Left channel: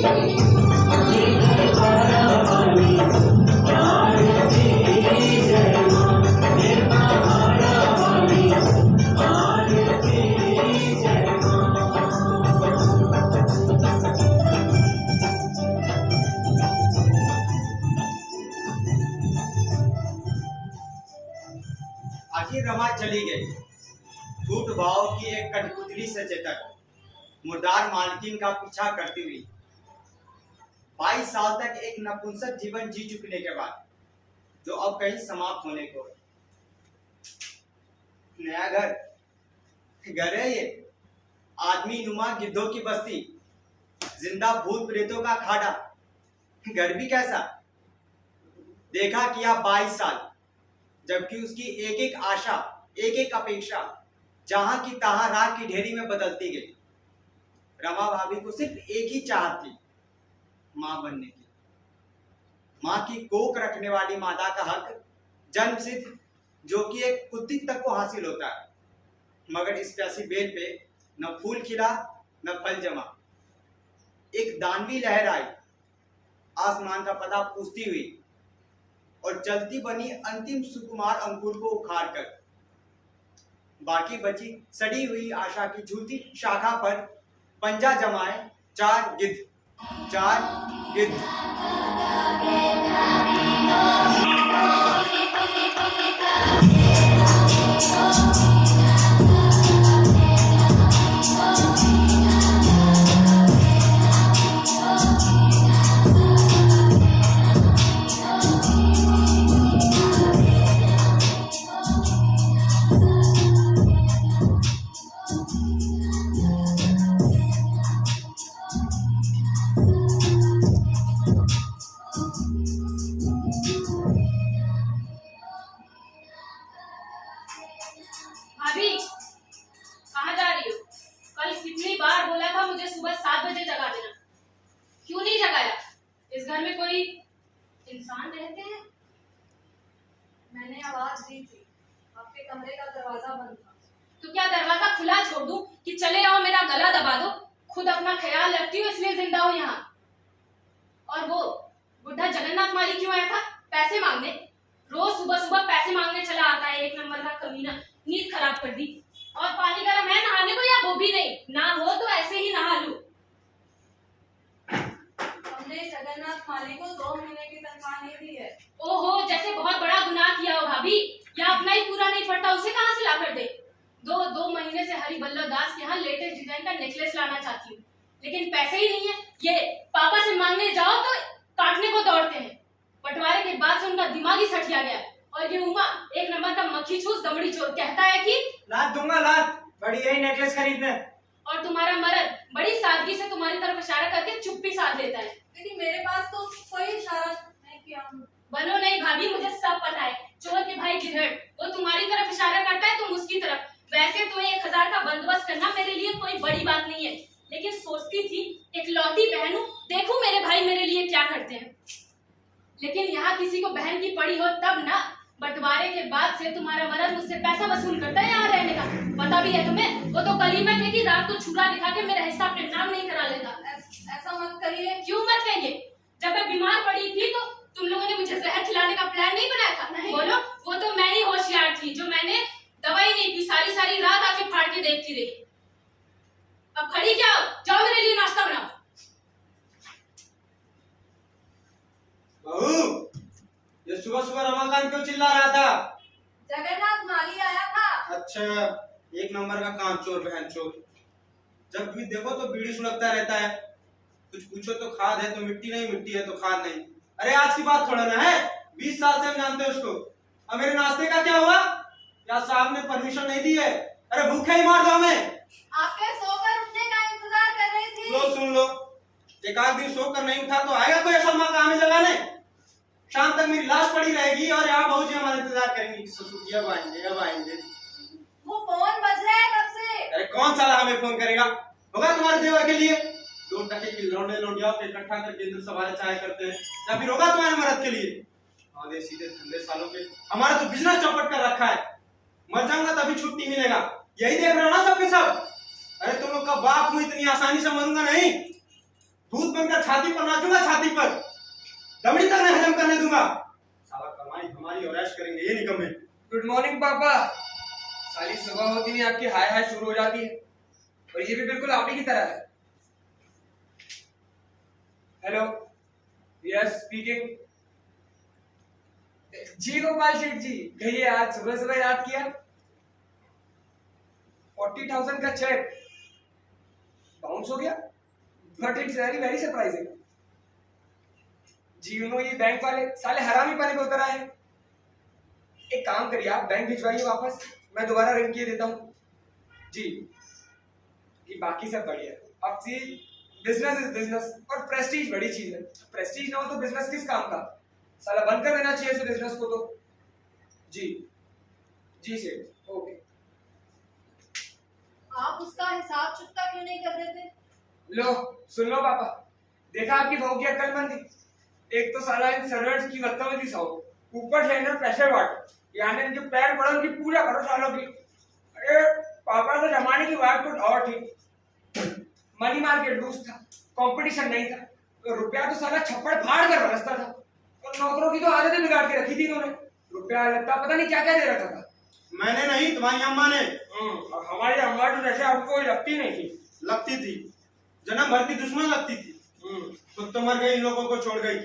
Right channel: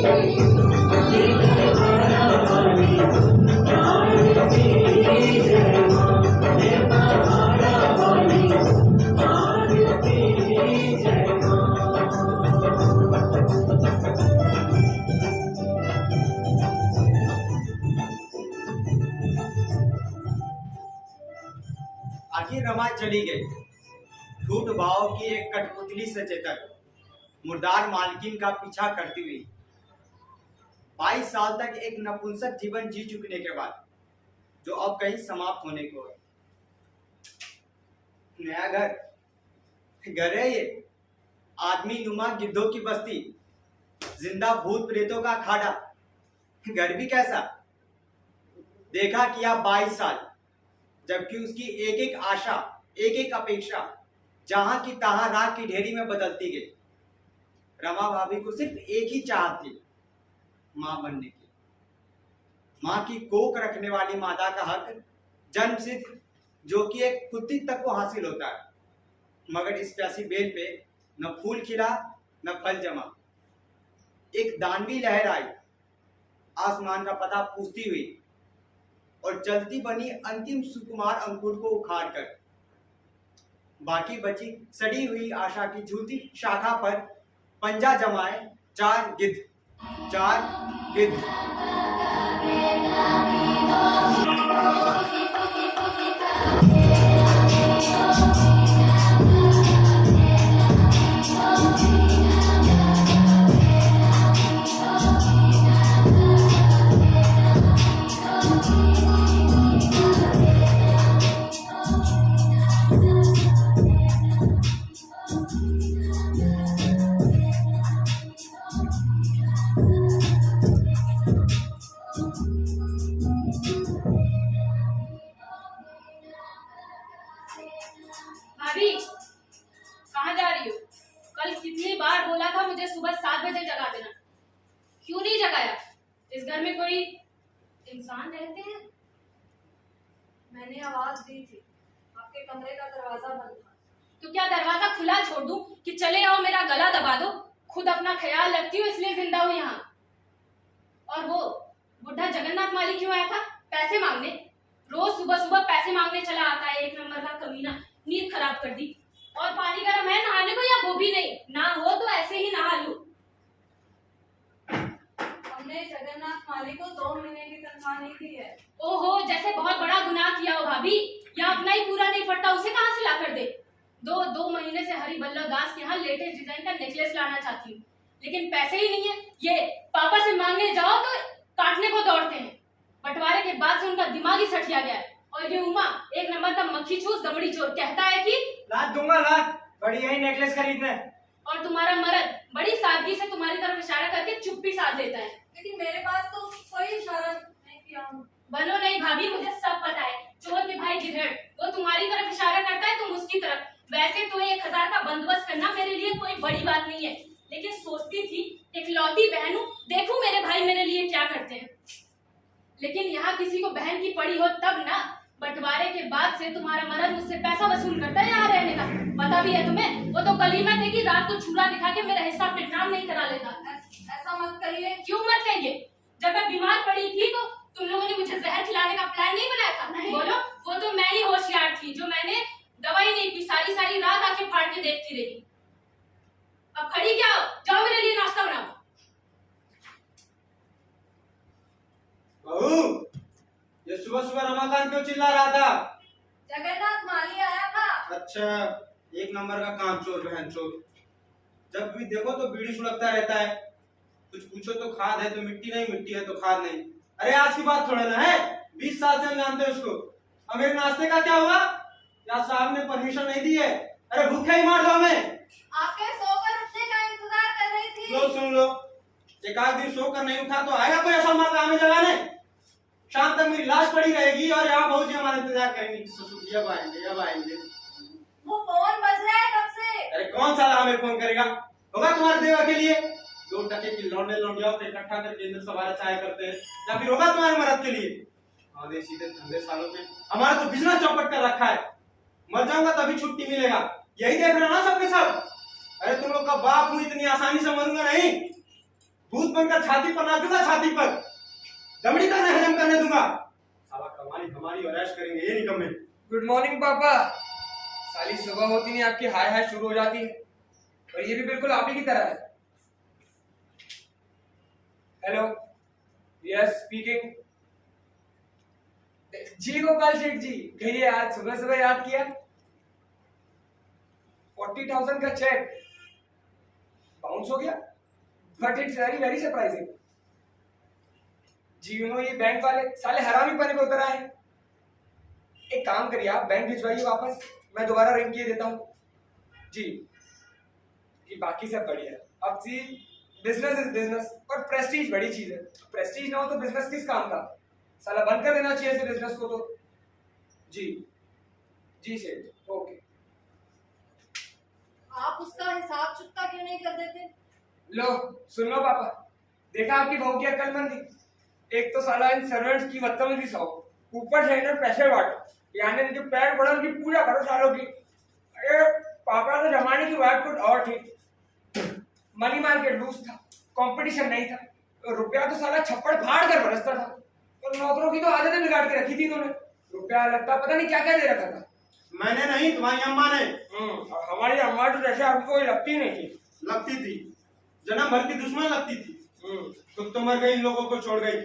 आखिर रमा चली गई। झूठ भाव की एक कठपुतली से चेतक मुर्दार मालकिन का पीछा करती हुई 22 साल तक एक नपुंसक जीवन जी चुकने के बाद जो अब कहीं समाप्त होने को है। नया घर है ये, आदमी नुमा गिद्धों की बस्ती, जिंदा भूत प्रेतों का खाड़ा। घर भी कैसा, देखा किया 22 साल, जबकि उसकी एक एक आशा, एक एक अपेक्षा जहां की तहां राख की ढेरी में बदलती गई। रमा भाभी को सिर्फ एक ही चाहत थी, मां बनने की। मां की कोख रखने वाली मादा का हक जन्म सिद्ध, जो कि एक कुत्तित तक को हासिल होता है, मगर इस प्यासी बेल पे न फूल खिला न फल जमा। एक दानवी लहर आई आसमान का पता पूछती हुई और जलती बनी अंतिम सुकुमार अंकुर को उखाड़कर। बाकी बची सड़ी हुई आशा की झूठी शाखा पर पंजा जमाए चार गिद्ध। भाभी, कहाँ जा रही हो? कल कितनी बार बोला था मुझे सुबह 7 बजे जगा देना, क्यों नहीं जगाया? इस घर में कोई इंसान रहते हैं? मैंने आवाज दी थी, आपके कमरे का दरवाजा बंद था। तो क्या दरवाजा खुला छोड़ दूं कि चले आओ मेरा गला दबा दो? खुद अपना ख्याल रखती हो इसलिए जिंदा हो यहाँ। और वो बुढ़ा जगन्नाथ माली क्यों आया था? पैसे मांगने। रोज सुबह सुबह पैसे मांगने चला आता है, एक नंबर का कमीना। नींद खराब कर दी। और पानी गर्म है नहाने को या वो भी नहीं? ना हो तो ऐसे ही नहा लूं। हमने जगन्नाथ माली को 2 महीने की तनख्वाह नहीं दी है। ओहो, जैसे बहुत बड़ा गुनाह किया हो भाभी। या अपना ही पूरा नहीं पड़ता, उसे कहाँ से ला कर दे? दो महीने से हरिबल्लभ दास के यहाँ लेटेस्ट डिजाइन का नेकलेस लाना चाहती हूँ, लेकिन पैसे ही नहीं है। ये पापा से मांगने जाओ तो काटने को दौड़ते हैं। बंटवारे के बाद से उनका दिमाग ही सठिया गया। और ये उमा एक नंबर का मक्खी चूस दमड़ी चोर कहता है कि लात दूंगा लात, बड़ी यही नेकलेस खरीदने। और तुम्हारा मर्द बड़ी सादगी से तुम्हारी तरफ इशारा करके चुप्पी साध लेता है। लेकिन मेरे पास तो कोई इशारा नहीं किया। बनो नहीं भाभी, मुझे सब पता है। चोर के भाई गिरहड़, वो तुम्हारी तरफ इशारा करता है, तुम उसकी तरफ। वैसे तो 1000 का बंदोबस्त करना मेरे लिए कोई बड़ी बात नहीं है, लेकिन सोचती थी इकलौती बहन हूं, देखूं मेरे भाई मेरे लिए क्या करते हैं। लेकिन यहाँ किसी को बहन की पड़ी हो तब ना। बंटवारे के बाद से तुम्हारा मर्द मुझसे पैसा वसूल करता है यहाँ रहने का। पता भी है तुम्हें? वो तो कलीमा थे कि रात को छुरा दिखा के मेरा हिस्सा अपने नाम नहीं करा लेता। ऐसा मत कहिए। क्यों मत कहिए? जब मैं बीमार पड़ी थी तो तुम लोगों ने मुझे जहर खिलाने का प्लान नहीं बनाया था? नहीं। बोलो, वो तो मैं ही होशियार थी जो मैंने दवाई नहीं पी, सारी रात आके फाड़ के देखती रही। अब खड़ी क्या हो? जाओ मेरे लिए नाश्ता बनाओ। बहू, ये सुबह सुबह रमाकांत क्यों चिल्ला रहा था? जगन्नाथ माली आया था। अच्छा, एक नंबर का काम चोर बहन चोर। जब भी देखो तो बीड़ी सुलगता रहता है। कुछ पूछो तो खाद है तो मिट्टी नहीं, मिट्टी है तो खाद नहीं। अरे आज की बात थोड़ा ना है, 20 साल से हम जानते हैं उसको। अब मेरे नाश्ते का क्या हुआ? क्या साहब ने परमिशन नहीं दी है? अरे भूखे ही मार दो हमें। आपके सोकर उठने का इंतजार कर रही थी। लो सुन लो, एक आध दिन सोकर नहीं उठा तो आएगा कोई ऐसा माँ काम लगाने? शाम तक मेरी लाश पड़ी रहेगी और यहाँ बहू जी हमारा इंतजार करेंगी। ससुर जी अब आएंगे। वो फोन बज रहा है कब से। अरे कौन साला हमें फोन करेगा? होगा तुम्हारे देवर के लिए? 2 टके की लौंडे लौंडिया पे इकट्ठा करके अंदर सवाल चाय करते हैं, या फिर होगा तुम्हारे मर्द के लिए? आधे सीधे धंधे सालों पे हमारा तो बिजनेस चौपट कर रखा है। मर जाऊंगा तभी छुट्टी मिलेगा, यही देख रहे हो ना सबके सब। अरे तुम लोग का बाप हूं, इतनी आसानी से मरूंगा नहीं। भूत बनकर छाती पर नाचूंगा, छाती पर दमड़ी तक नहीं हजम करने दूंगा। साला कमाई हमारी और ऐश करेंगे ये निकम्मे। गुड मॉर्निंग पापा। साली सुबह होती नहीं आपकी हाय हाय शुरू हो जाती है, और ये भी बिल्कुल आप ही की तरह है। Hello, yes speaking. जी गोपाल शेठ जी, कहिए आज सुबह सुबह याद किया। 40,000 का चेक बाउंस हो गया, but it's very very surprising. जी ये बैंक वाले साले हरामी पने पे उतर आए। एक काम करिए, आप बैंक भिजवाइए वापस, मैं दोबारा रिंग किए देता हूँ। जी जी, बाकी सब बढ़िया है। अब सी बिजनेस इज बिजनेस, और प्रेस्टीज बड़ी चीज है। प्रेस्टीज ना हो तो बिजनेस किस काम का। साला बंद कर देना चाहिए इस बिजनेस को तो। जी जी सेठ, ओके। आप उसका हिसाब चुकता क्यों नहीं कर देते? लो सुन लो पापा, देखा आपकी बहू की अक्लमंदी। एक तो साला इन सर्वेंट्स की बदतमीजी सौ, ऊपर से इन्हें पैसे बांटो, यानी इनके पैर पड़ों की पूजा करो सालों की। अरे पापा के जमाने की बात कुछ और थी। मनी मार्केट लूज था, कंपटीशन नहीं था, तो रुपया तो साला छप्पड़ फाड़ कर बरसता था, और नौकरों की तो आदतें बिगाड़ के रखी थी उन्होंने। रुपया लगता पता नहीं क्या क्या दे रखा था। मैंने नहीं, तुम्हारी अम्मा ने। और हमारी अम्मा तो जैसे आपको लगती नहीं थी। लगती थी, जन्म भर की दुश्मन लगती थी। खुद तो मर गई, इन लोगों को छोड़ गई।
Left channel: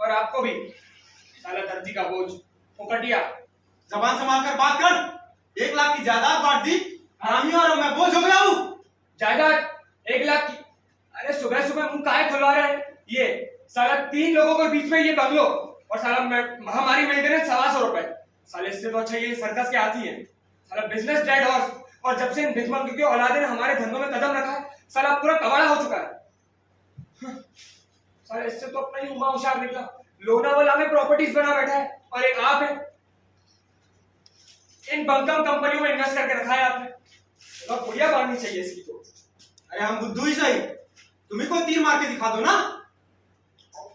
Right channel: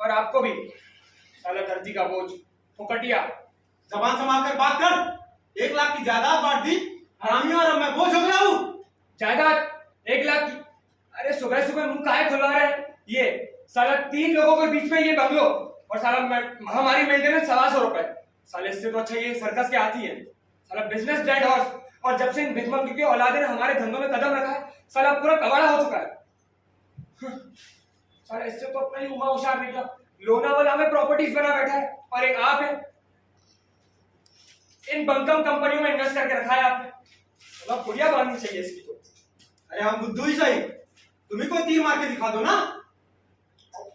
और आपको भी साला धरती का बोझ, फुकटिया। जबान संभाल कर बात कर। 1 लाख की जायदाद बांट दी हरामियों, और मैं बोझ हो गया हूँ। जायदाद 1 लाख की? अरे सुबह सुबह मुंह काहे खुलवा रहे हैं? ये साला 3 लोगों के बीच में ये बंगलो, और साला हमारी मेंटेनेंस 1,200 रुपए। साले इससे तो अच्छा ये सर्कस के हाथी है। साला बिजनेस डेड हॉर्स, और जब से इन भिखमंगे के औलादे ने हमारे धंधों में कदम रखा है, साला पूरा कबाड़ा हो चुका है। साला इससे तो अपना ही उमा होशियार बेटा लोनावाला में प्रॉपर्टीज बना बैठा है, और एक आप है इन बमकम कंपनियों में इन्वेस्ट करके रखा है आपने। थोड़ा पुड़िया बांधनी चाहिए इसकी तो। अरे हम बुद्धू ही सही, तुम्ही को तीर मार के दिखा दो ना।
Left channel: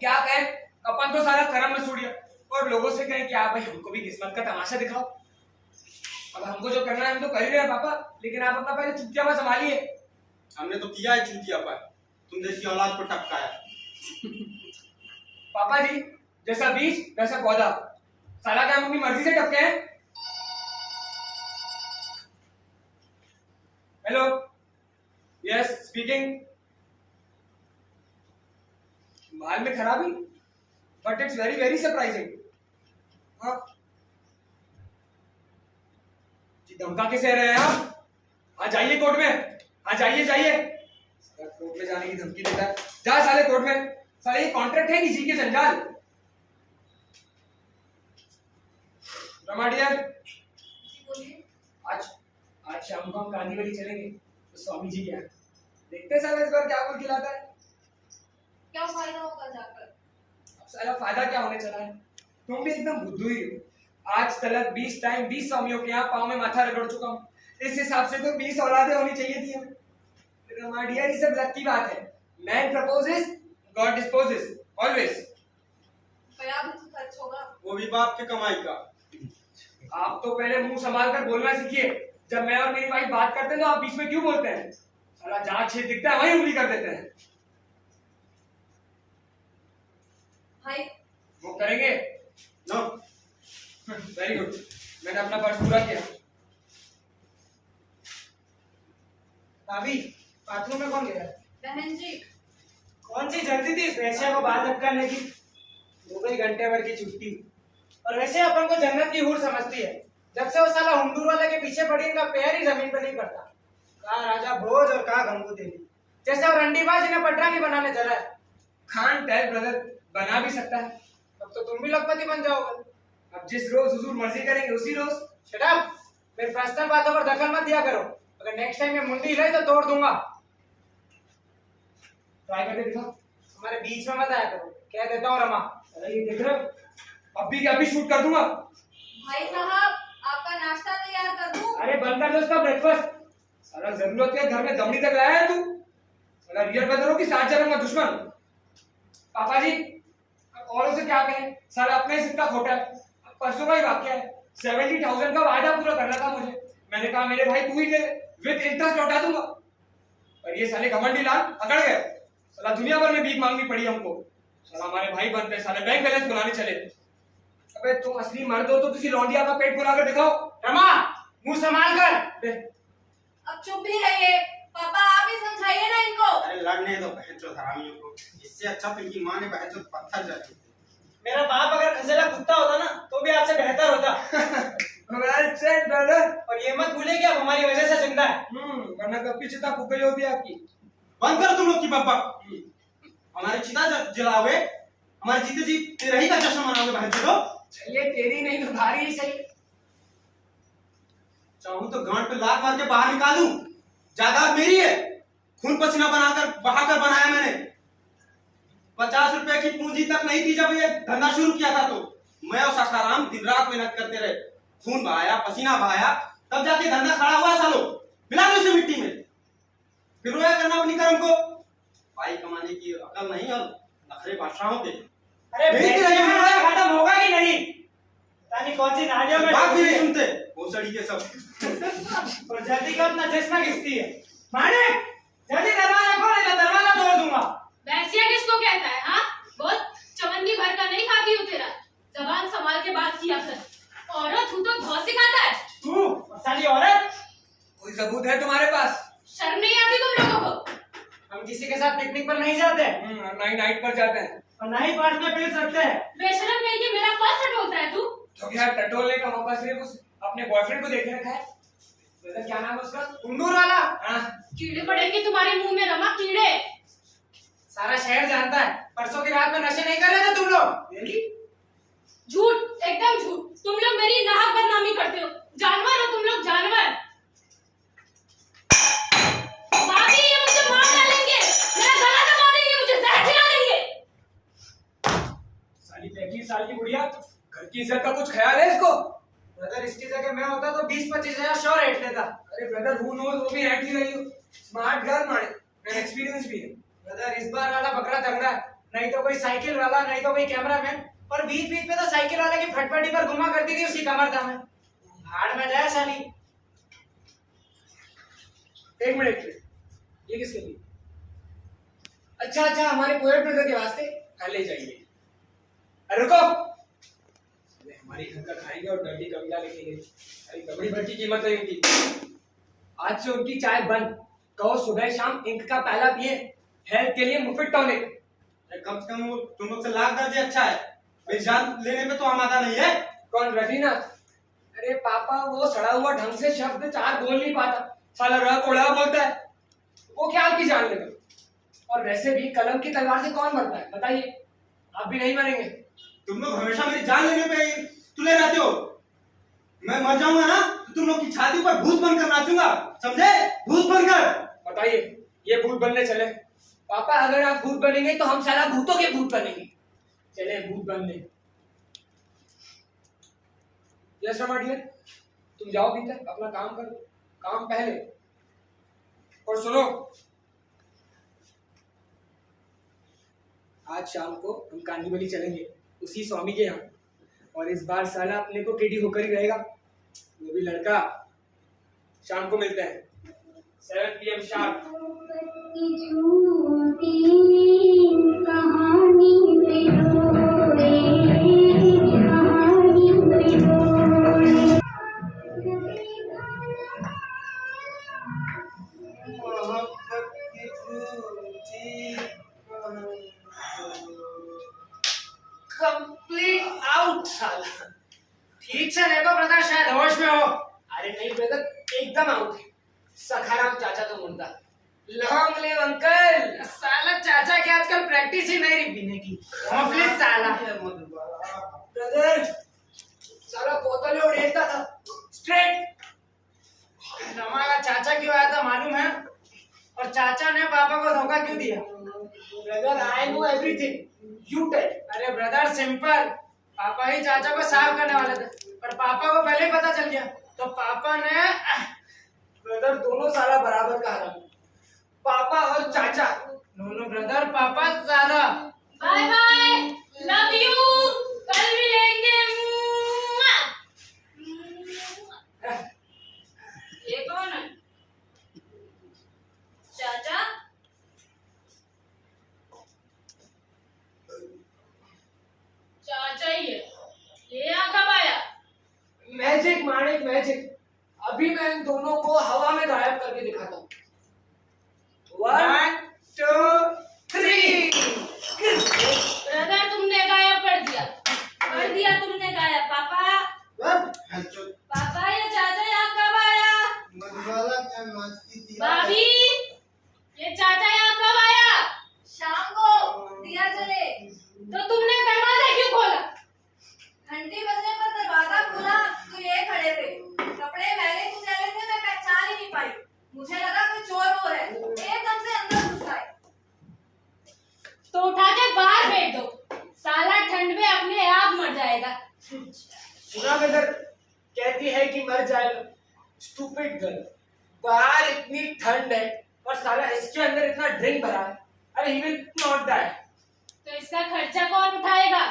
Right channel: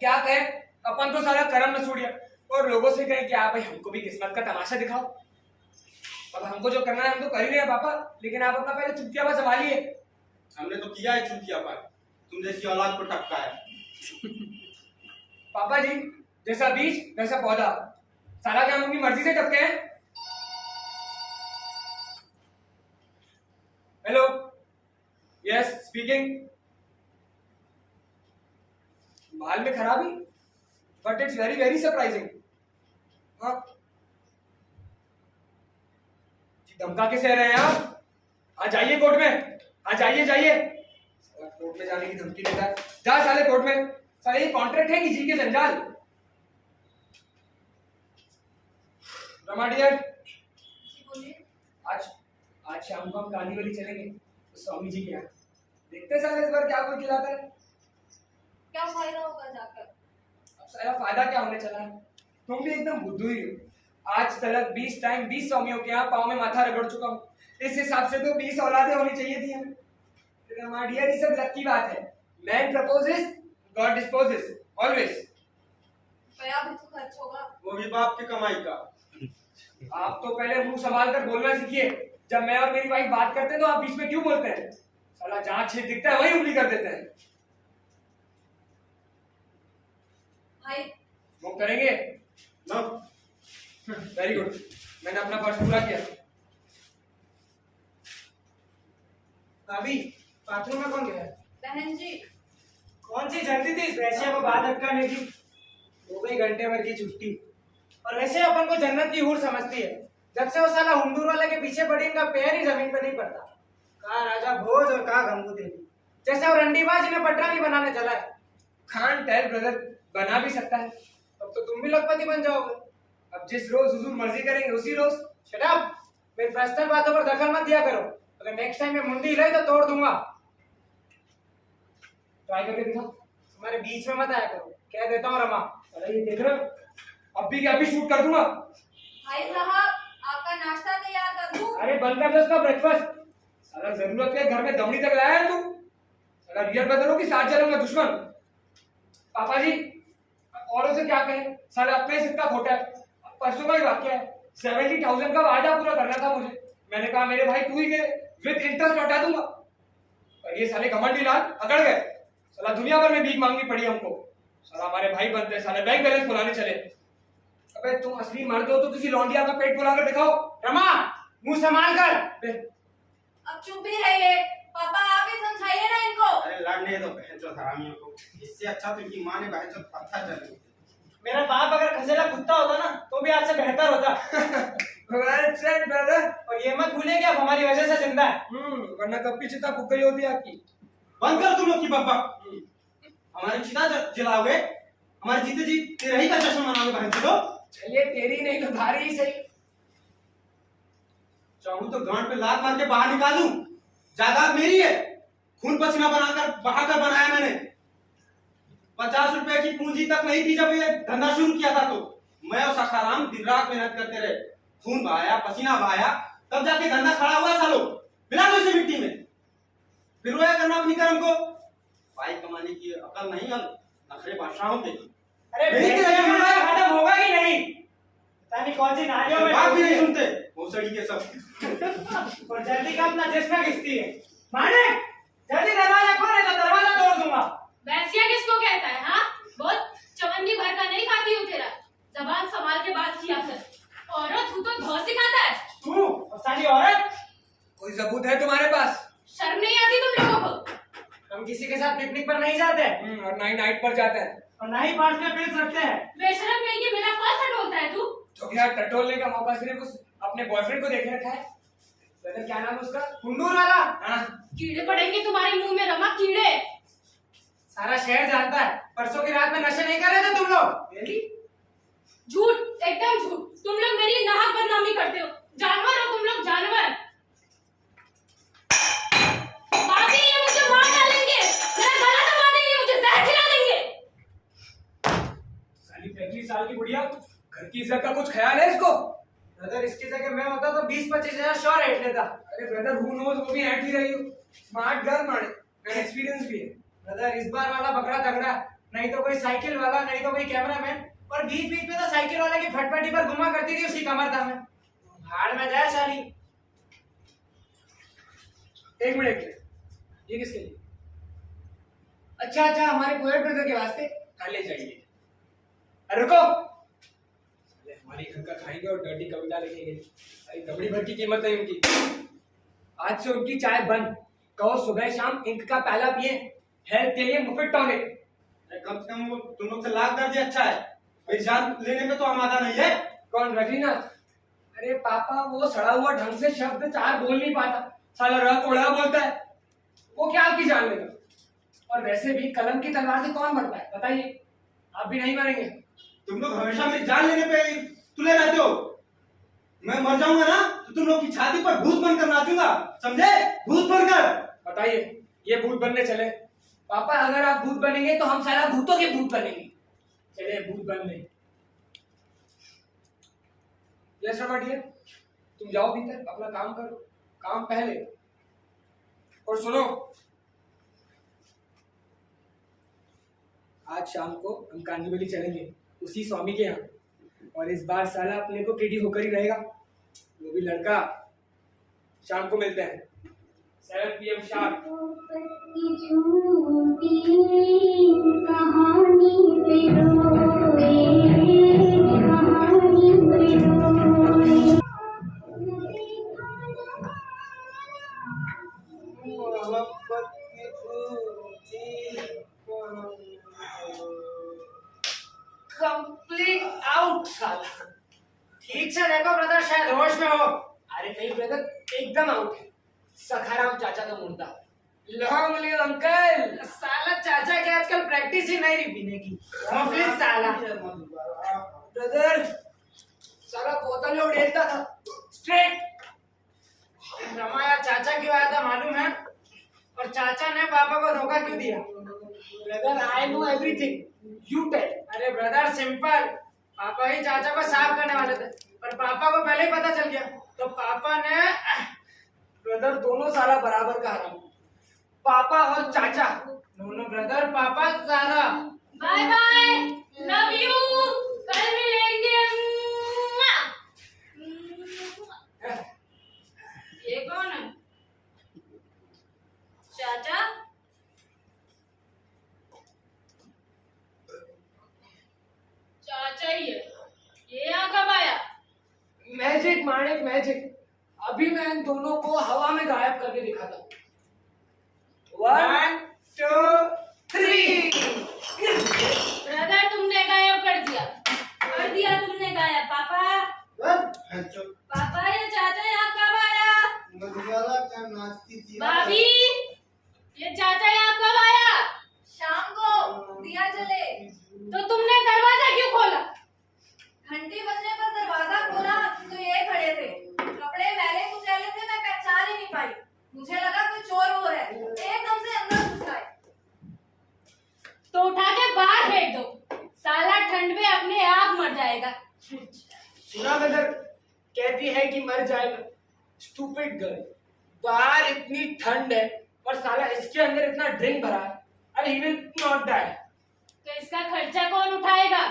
क्या कहे, अपन तो सारा कर्म में सूड़िया, और लोगों से कहें कि आप भाई हमको भी किस्मत का तमाशा दिखाओ। अब हमको जो करना है हम तो कर ही रहे हैं पापा, लेकिन आप अपना पहले चुटियापा संभालिए। हमने तो किया है चुतियापा, तुम जैसी औलाद को टपकाया। पापा जी, जैसा बीज वैसा पौधा, साला क्या हम अपनी मर्जी से टपके हैं? Hello, yes speaking. माल में खराबी, but it's very very surprising. हाँ जी, धमका के सह रहे हैं आप? आ जाइए कोर्ट में, आ जाइए जाइए। साला कोर्ट में जाने की धमकी देता है, जा साले कोर्ट में। साले ये कॉन्ट्रैक्ट है किसी के जंजाल। रमा डियर, जी बोलिए। आज आज शाम को हम कांदीवली चलेंगे तो स्वामी जी के यहाँ। देखते हैं साले इस बार क्या कुल खिलाता है। क्या फायदा होगा जाकर? अब सारा फायदा क्या होने चला है, तुम भी एकदम बुद्धू ही हो। आज तक 20 टाइम 20 स्वामियों के यहाँ पाँव में माथा रगड़ चुका हूँ। इस हिसाब से तो 20 औलादें होनी चाहिए थी हमें। रमा डियर, ये सब लक की बात है। Man proposes, God disposes always. रुपया भी तो खर्च होगा। वो भी बाप के कमाई का। आप तो पहले मुंह संभाल कर बोलना सीखिए। जब मैं और मेरी वाइफ बात करते हैं तो आप बीच में क्यों बोलते हैं? साला जहां छेद दिखता है वहीं उंगली कर देते हैं। हाय। वो करेंगे? नो। वेरी गुड, मैंने अपना फर्ज पूरा किया। भाभी, बाथरूम में कौन गया? बहन जी। कौन सी जल्दी थी इस वैसे को बात अटकाने की? हो गई घंटे भर की छुट्टी। और वैसे अपन को जन्नत की हूर समझती है। जब से वो साला हुंडूर वाले के पीछे पड़ी, इनका पैर ही जमीन पे नहीं पड़ता। कहाँ राजा भोज और कहाँ गंगू देवी, जैसे वो रंडीबाज इन्हें पटरा नहीं बनाने चला है। खान टेल ब्रदर बना भी सकता है। तब तो तुम भी लखपति बन जाओगे। अब जिस रोज हुजूर मर्जी करेंगे उसी रोज। शट अप, मेरी पर्सनल बातों पर दखल मत दिया करो। अगर नेक्स्ट टाइम मैं मुंडी हिलाई तो तोड़ दूंगा। ट्राई करके दिखाओ। हमारे बीच में मत आया करो, कह देता हूँ रमा। अरे ये देख रहे हो, अभी के अभी शूट कर दूंगा। भाई साहब, आपका नाश्ता तैयार कर दूं? अरे बंद कर दो उसका ब्रेकफास्ट। साला जरूरत है घर में दमड़ी तक लाया है तू। साला रियल ब्रदर हो कि साथ चलूंगा दुश्मन? पापा जी, औरों से क्या कहें, साला अपने से इतना खोटा है। परसों का ही वाक्य है, 70,000 का वादा पूरा करना था मुझे। मैंने कहा मेरे भाई तू ही दे, विद इंटरेस्ट लौटा दूंगा। और ये साले घमंडी लाल अकड़ गए। साला दुनिया भर में भीख मांगनी पड़ी हमको। साला हमारे भाई बनते साले बैंक बैलेंस खुलाने चले। अबे तुम असली मर्द हो तो किसी लौंडिया का पेट फुला कर दिखाओ। रमा, मुंह संभाल कर। अब चुप ही रहिए। पापा आप ही समझाइए ना इनको। अरे लड़ने दो बहनचोद हरामियों को। इससे अच्छा तो इनकी माँ ने बहनचोद पत्थर जली। मेरा बाप अगर खसेला कुत्ता होता ना तो भी आपसे बेहतर होता। Well said brother. और ये मत भूले कि आप हमारी वजह से जिंदा है। वरना कब की चिता फूक गई होती आपकी। बंद कर तुम लोग की बकबक। हमारी चिता जलाओगे, हमारे जीते जी तेरे ही का जश्न मनाओगे बहनचोद। चलिए तेरी नहीं तो भारी ही सही। चाहूं तो गांड पे लात मार के बाहर निकालूं। जायदाद मेरी है, खून पसीना बनाकर बहाकर बनाया मैंने। 50 रुपए की पूंजी तक नहीं थी जब ये धंधा शुरू किया था, तो मैं और सखाराम दिन रात मेहनत करते रहे, खून बहाया, पसीना बहाया, तब जाके धंधा खड़ा हुआ। सालों मिला दो इसे मिट्टी में, फिर रोया करना अपनी कर्म को। भाई कमाने की अकल नहीं और नखरे बादशाहों के। अरे बेटे खत्म होगा कि नहीं? पता नहीं कौन सी नालियों में बात भी नहीं सुनते भोसड़ी के सब। और जल्दी का अपना चश्मा खींचती है। मानिक, जल्दी दरवाजा खोल नहीं तो दरवाजा तोड़ दूंगा। वैसिया किसको कहता है? हाँ, बहुत चवन्नी भर का नहीं खाती हूँ तेरा। जबान संभाल के बात किया कर। औरत हूँ तो धौ सिखाता है। तू और साली औरत। कोई सबूत है तुम्हारे पास? शर्म नहीं आती तुम लोगों को? हम किसी के साथ पिकनिक पर नहीं जाते और ना ही नाइट पर जाते हैं। और ना ही पार्ट में पी सकते हैं। बेशरम नहीं कि मेरा पर्स ढोलता है तू। तो क्या टटोलने का मौका सिर्फ अपने बॉयफ्रेंड को देखे रखा है? ब्रदर क्या नाम है उसका? कुंडूर वाला। कीड़े पड़ेंगे तुम्हारे मुंह में रमा, कीड़े। सारा शहर जानता है परसों की रात में नशे नहीं कर रहे थे तुम लोग। झूठ, एकदम झूठ। तुम लोग मेरी नाहक बदनामी करते हो। जानवर हो तुम लोग, जानवर। भाभी ये मुझे मार डालेंगे, मेरा गला दबा देंगे, मुझे जहर खिला देंगे। साली 35 साल की बुढ़िया, घर की इज्जत का कुछ ख्याल है इसको? ब्रदर इसकी जगह मैं होता तो 20-25 हजार श्योर रेट लेता। अरे ब्रदर हु नोज, वो भी ऐठ ही रही हो। स्मार्ट गर्ल माने, मैं एक्सपीरियंस भी है। ब्रदर इस बार वाला बकरा तगड़ा है, नहीं तो कोई साइकिल वाला, नहीं तो कोई कैमरामैन। और बीच बीच में तो साइकिल वाले की फटफटी पर घुमा करती थी उसकी कमर में। भाड़ में जाए साली। एक मिनट, ये किसके लिए? अच्छा अच्छा, हमारे पोएट ब्रदर के वास्ते। हाँ ले जाइए। अरे रुको, अरे हमारी घर का खाएंगे और डर्टी कविता लिखेंगे। अरे दबड़ी भर की कीमत नहीं उनकी। आज से उनकी चाय बंद। कहो सुबह शाम इंक का प्याला पिए, हेल्थ के लिए मुफिट टॉनिक। कम से कम वो तुम लोग से लाख दर्जे अच्छा है, मेरी जान लेने में तो आमादा नहीं है। कौन, रवीनाथ? अरे पापा वो सड़ा हुआ ढंग से शब्द 4 बोल नहीं पाता, साला रहा कोड़ा बोलता है। वो क्या आपकी जान लेगा? और वैसे भी कलम की तलवार से कौन मरता है बताइए? आप भी नहीं मरेंगे। तुम लोग हमेशा मेरी जान लेने पे तुले रहते हो। मैं मर जाऊंगा ना तो तुम लोग की छाती पर भूत बनकर नाचूंगा, समझे? भूत बनकर। बताइए, ये भूत बनने चले? पापा अगर आप भूत बनेंगे तो हम सारा भूतों के भूत बनेंगे। चले भूत बनने। यस रमा डियर, तुम जाओ भीतर अपना काम करो, काम पहले। और सुनो, आज शाम को हम कांदीवली चलेंगे उसी स्वामी के यहाँ, और इस बार साला अपने को किडी होकर ही रहेगा, वो भी लड़का। शाम को मिलते हैं 7 PM शार्प। कंप्लीट आउट साला। ठीक से देखो ब्रदर, शायद होश में हो। अरे नहीं ब्रदर, एकदम आउट है। सखाराम चाचा तो मुर्दा। Long live uncle. साला चाचा की आजकल प्रैक्टिस ही नहीं रही पीने की। मफलिस साला। ब्रदर सारा बोतल में उड़ेलता था स्ट्रेट। हमारा चाचा क्यों आया था मालूम है? और चाचा ने पापा को धोखा क्यों दिया? Brother I know everything, you tell. अरे ब्रदर सिंपल, पापा ही चाचा को साफ करने वाले थे, पर पापा को पहले ही पता चल गया, तो पापा ने। ब्रदर दोनों सारा बराबर का हराम, पापा और चाचा दोनों ब्रदर, पापा ज्यादा। बाय बाय, लव यू, कल मिलेंगे। ये कौन है? चाचा तो उठा के बाहर फेंक दो, साला ठंड में अपने आप मर जाएगा। सुना मदर, कहती है कि मर जाएगा। स्टूपिड गर्ल, बाहर इतनी ठंड है और साला इसके अंदर इतना ड्रिंक भरा है। अरे ही विल नॉट डाई। तो इसका खर्चा कौन उठाएगा?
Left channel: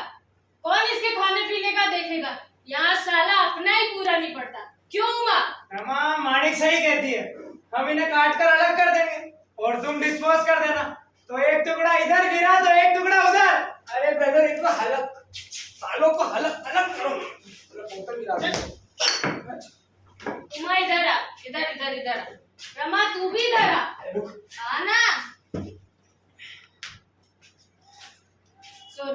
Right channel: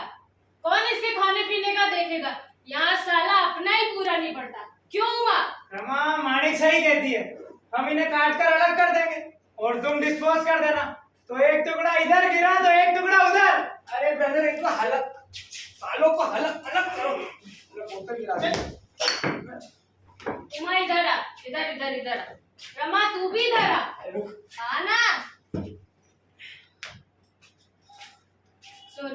कौन इसके खाने पीने का देखेगा? यहाँ साला अपना ही पूरा नहीं पड़ता। क्यों हुआ? रमा, माणिक सही कहती है, हम इन्हें काट कर अलग कर देंगे और तुम डिस्पोज कर देना। तो एक टुकड़ा इधर गिरा तो एक टुकड़ा उधर। अरे ब्रदर, इनको हलक, सालों को हलक अलग करो। बोतल गिरा दे। तुम इधर आ, इधर इधर इधर आ। रमा तू भी इधर आ। रुक। आना। सुन,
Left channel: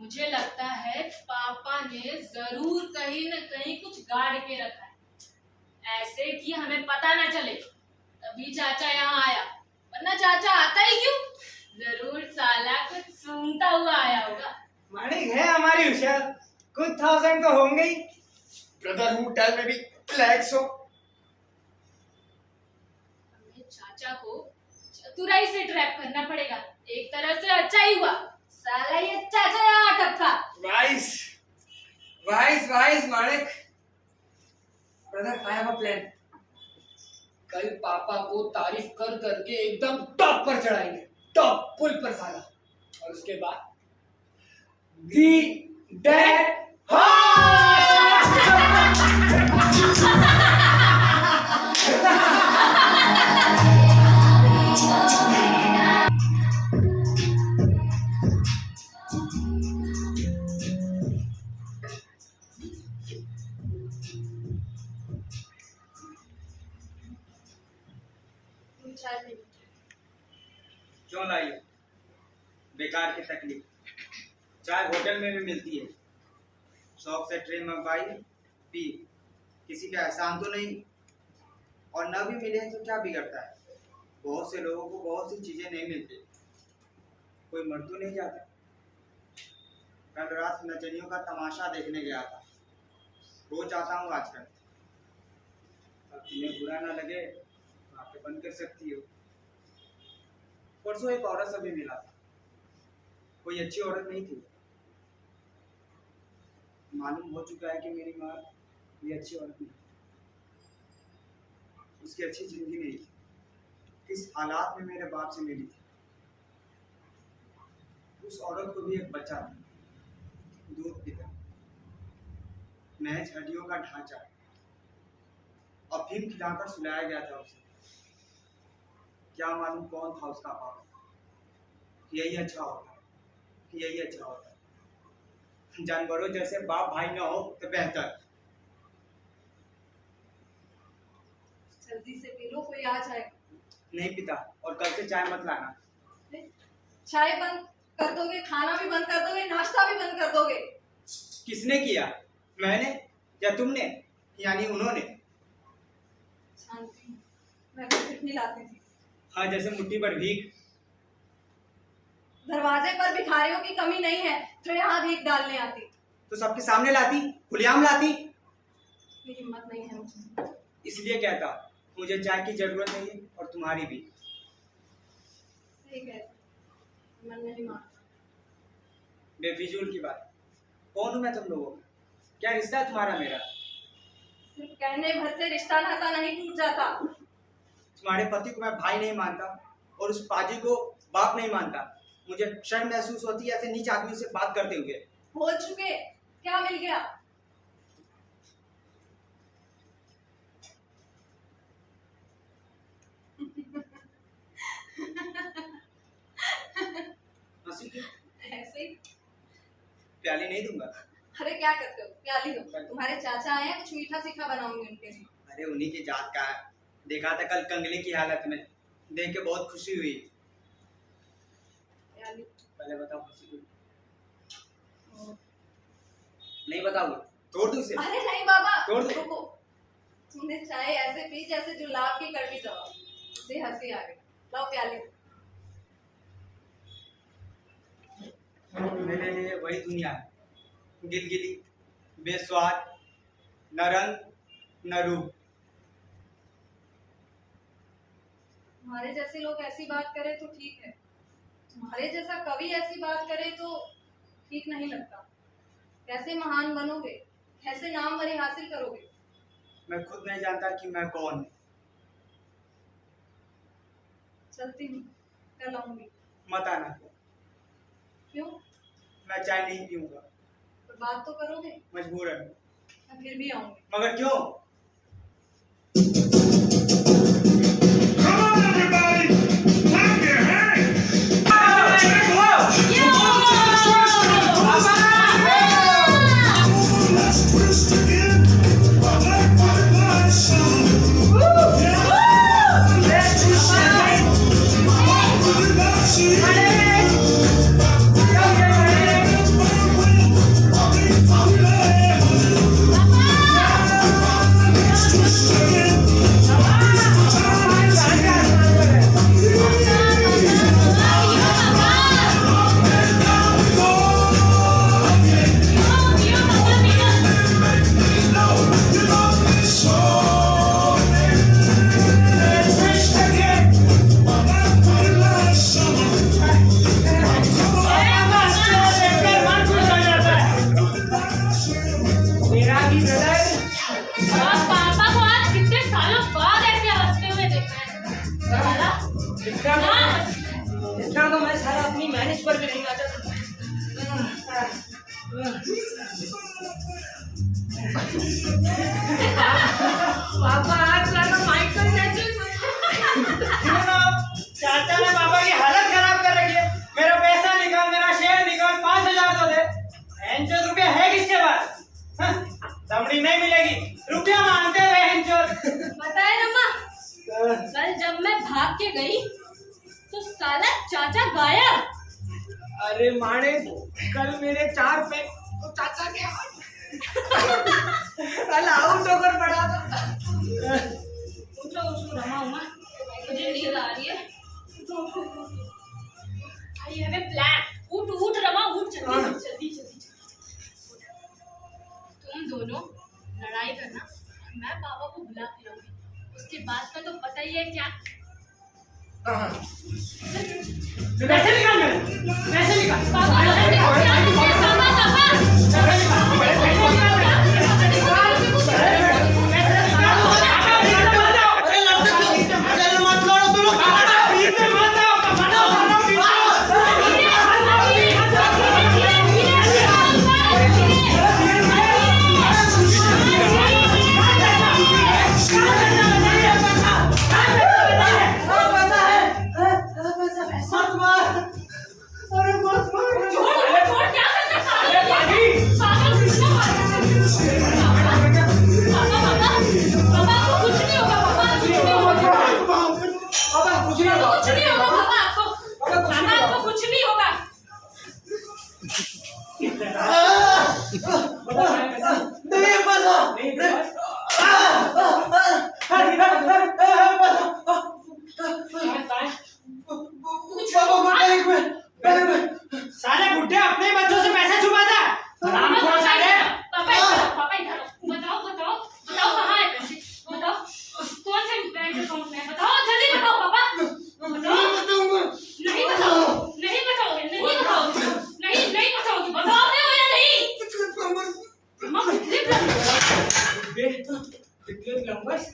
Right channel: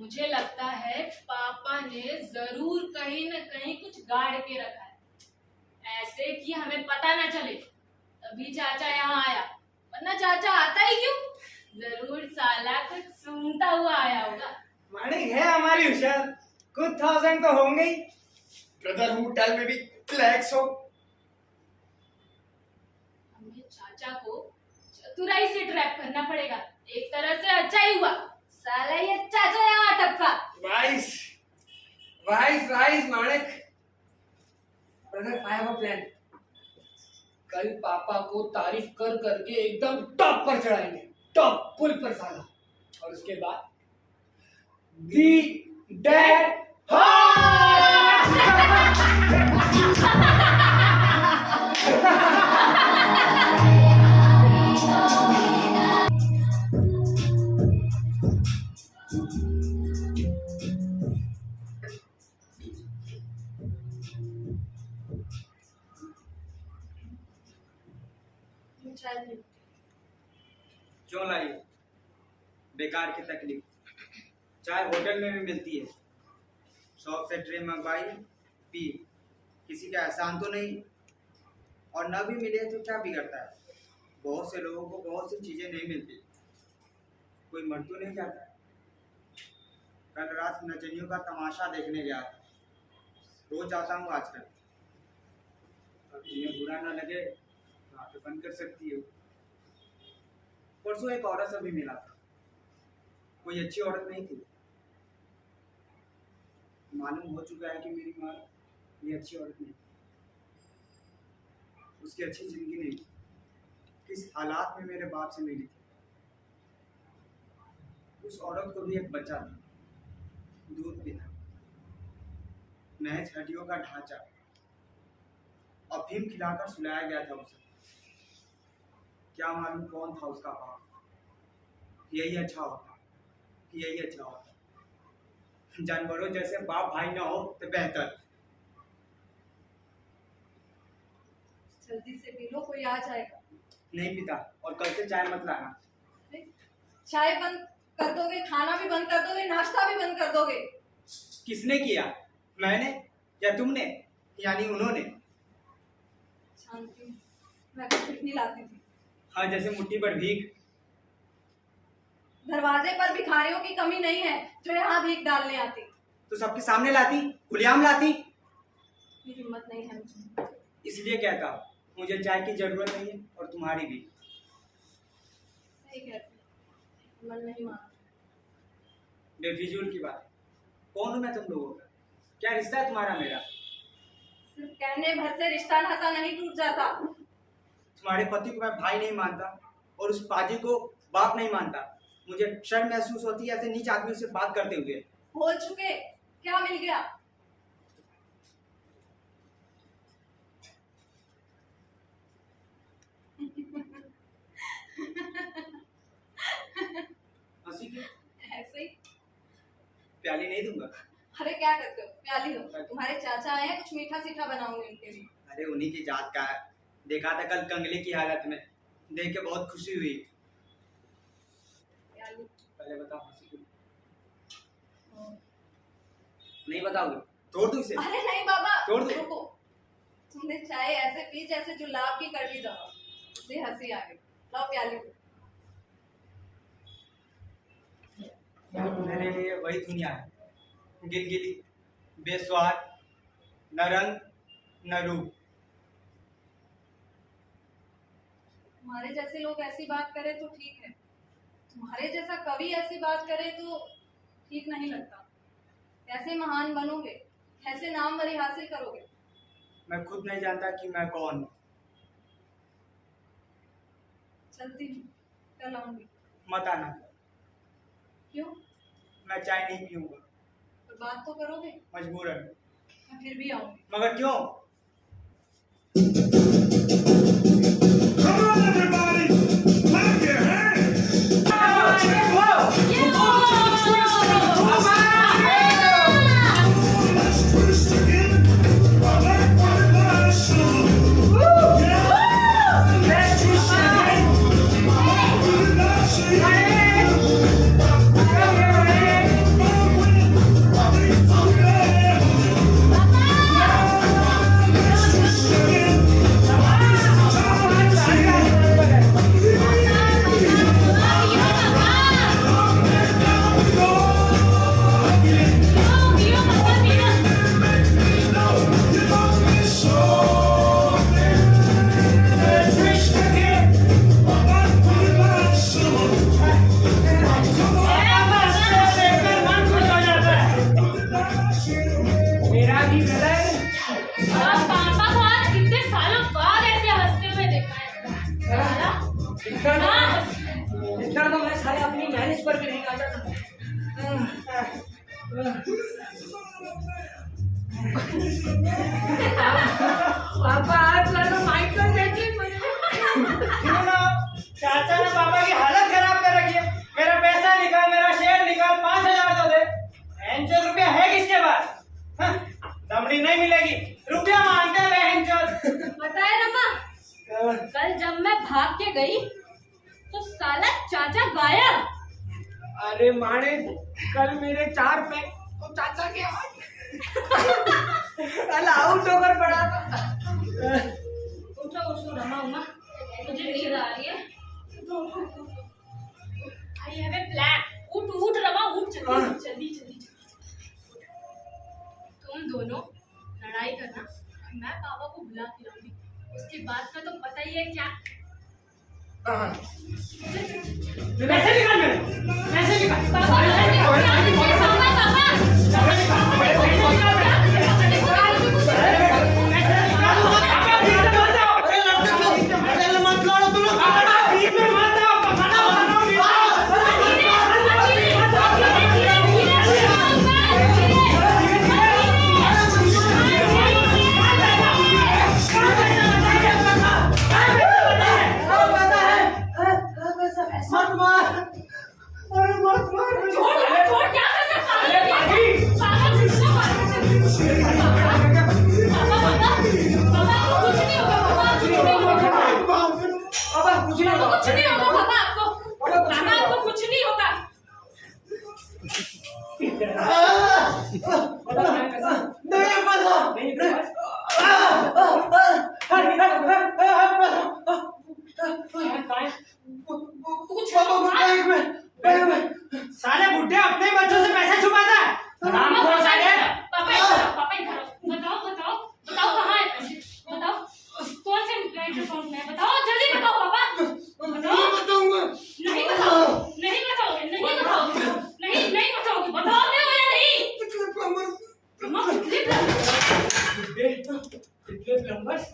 मुझे लगता है पापा ने जरूर कहीं न कहीं कुछ गाड़ के रखा है, ऐसे कि हमें पता ना चले। तभी चाचा यहाँ आया, वरना चाचा आता ही क्यों? जरूर साला कुछ सूंघता हुआ आया होगा। माणिक है हमारी होशियार, कुछ 1000 तो होंगे ही। Brother, who tell maybe lakhs हो। हमें चाचा को चतुराई से ट्रैप करना पड़ेगा। एक तरह से अच्छा ही हुआ, साला ये चाचा यहाँ टपका। Vice vice vice Manik. Brother, I have a plan. कल पापा को तारीफ कर करके एकदम टॉप पर चढ़ाएंगे, टॉप पुल पर साला। और उसके बाद दी डेड चाय पी। क्यों लाई? बेकार की तकलीफ। चाय होटल में भी मिलती है, शौक से ट्रे मंगवाई, पी। किसी का एहसान तो नहीं, और न भी मिले तो क्या बिगड़ता है? बहुत से लोगों को बहुत सी चीजें नहीं मिलती, कोई मर तो नहीं जाता। कल रात नचनियों का तमाशा देखने गया था, रोज आता हूँ आजकल। अब तुम्हें बुरा ना लगे तो आंखें बंद कर सकती हो। परसों एक औरत से भी मिला था, कोई अच्छी औरत नहीं थी। मालूम हो चुका है कि मेरी माँ ये अच्छी औरत नहीं, उसकी अच्छी जिंदगी नहीं थी। किस हालात में मेरे बाप से मिली थी। उस औरत को भी एक बच्चा था, दूध पीता, महज हड्डियों का ढांचा, अफीम खिलाकर सुलाया गया था उसे। क्या मालूम कौन था उसका बाप? यही अच्छा होता, यही अच्छा होता। जानवरों जैसे बाप भाई ना हो तो बेहतर। जल्दी से पी लो, कोई आ जाएगा। नहीं पिता, और कल से चाय मत लाना। चाय बंद कर दोगे, खाना भी बंद कर दोगे, नाश्ता भी बंद कर दोगे? किसने किया? मैंने या तुमने, यानी उन्होंने? शांति, मैं तो फिर नहीं लाती थी। हाँ, जैसे मुट्ठी भर भीख। दरवाजे पर भिखारियों की कमी नहीं है जो यहाँ भीख डालने आती। तो सबके सामने लाती, खुलेआम लाती। मेरी हिम्मत नहीं है मुझे। इसलिए कहता हूँ, मुझे चाय की जरूरत नहीं है, और तुम्हारी भी। सही कहती, मन नहीं मानता। बेफिजूल की बात। कौन हूँ मैं तुम लोगों का? क्या रिश्ता है तुम्हारा मेरा? सिर्फ कहने भर से रिश्ता नाता नहीं टूट जाता। तुम्हारे पति को मैं भाई नहीं मानता, और उस पाजी को बाप नहीं मानता। मुझे शर्म महसूस होती है ऐसे नीच आदमियों से बात करते हुए। बोल चुके, क्या मिल गया? हंसी क्यों? ऐसे ही। प्याली नहीं दूंगा। अरे क्या करते हो, प्याली दो। तुम्हारे चाचा आए हैं, कुछ मीठा सीठा बनाऊंगी उनके लिए। अरे उन्हीं की जात का है। देखा था कल कंगले की हालत में, देख के बहुत खुशी हुई। प्याली। पहले बताओ हंसी क्यों? नहीं बताओगे? तोड़ दूं इसे? अरे नहीं बाबा, तोड़ दे। रुको। तुमने चाय ऐसे पी जैसे जुलाब की कड़वी दवा, उससे हंसी आ गई। लाओ प्याली दो। मेरे लिए वही दुनिया है, गिलगिली, बेस्वाद, न रंग न रूप। तुम्हारे जैसे लोग ऐसी बात करें तो ठीक है, तुम्हारे जैसा कवि ऐसी बात करे तो ठीक नहीं लगता। कैसे महान बनोगे, कैसे नामवरी हासिल करोगे? मैं खुद नहीं जानता कि मैं कौन हूँ। चलती हूँ, कल आऊंगी। मत आना। क्यों? मैं चाय नहीं पीऊंगा। तो बात तो करोगे? मजबूरन। मैं फिर भी आऊंगी। मगर क्यों? Come on, everybody! Clap your hands! Let's twist again. Like what it was. Yeah. Let's twist again. मेरा भी हृदय पापा को आज कितने सालों बाद ऐसे हंसते हुए देखा है। साला इतना ना इतना तो मैं सारा अपनी मैरिज पर भी नहीं नाचा था। पापा आज साला माइकल जैक्सन चाचा ने पापा की हालत खराब कर रखी है। मेरा पैसा निकाल, मेरा शेयर निकाल, 5000 तो दे। बहनचोद रुपया है किसके पास? हाँ, दमड़ी नहीं मिलेगी। रुपया मांगते हैं बहनचोद। पता है रमा, कल जब मैं भाग के गई तो साला चाचा गायब। अरे माने कल मेरे 4 पैक तो चाचा के हाथ कल आउट होकर पड़ा था। उठो उठो रमा उमा, मुझे नींद आ रही है। I have a plan. उठ उठ रमा उठ, जल्दी जल्दी जल्दी। तुम दोनों लड़ाई करना, मैं पापा को बुला के लाऊंगी। उसके बाद का तो पता ही है क्या। पैसे निकाल मेरे, पैसे निकाल। पापा सारे बुड्ढे अपने बच्चों से पैसे छुपाता है। हरामखोर साले। पापा इधर आओ। बताओ बताओ बताओ कहाँ है पैसे? बताओ कौन से बैंक अकाउंट में है? बताओ जल्दी बताओ पापा। बताओ। नहीं बताओगे, नहीं बताओगे, नहीं बताओगे, नहीं नहीं बताओगे। बताओगे हो या नहीं? मम्मा कितने नंबर्स?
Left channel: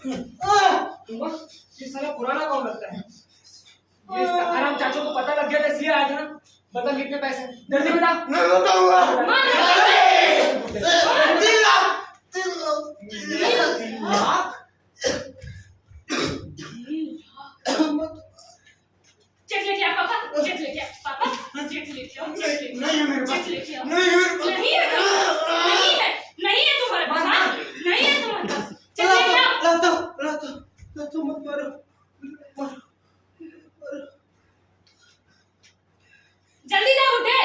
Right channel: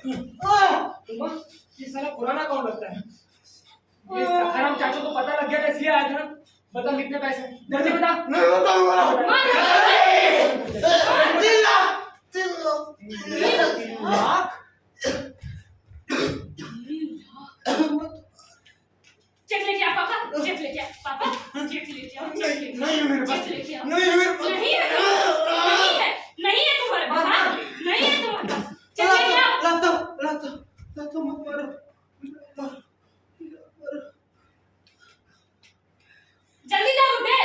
ये सारा पुराना कौन लगता है? ये हराम चाचू को पता लग गया था इसलिए आया था ना। बता कितने पैसे? जल्दी बता। नहीं बताऊंगा। 3 लाख। चेक लेके आ पापा, चेक लेके आ पापा, चेक लेके आओ, चेक लेके आओ, नहीं है मेरे पास। चेक लेके आओ। नहीं है मेरे पास। नहीं है, नहीं है, नहीं है तुम्हारे पास, हाँ? नहीं है तुम्हारे पास। चेक लेके आओ। लातो मत मारो। जल्दी जाओ उठे।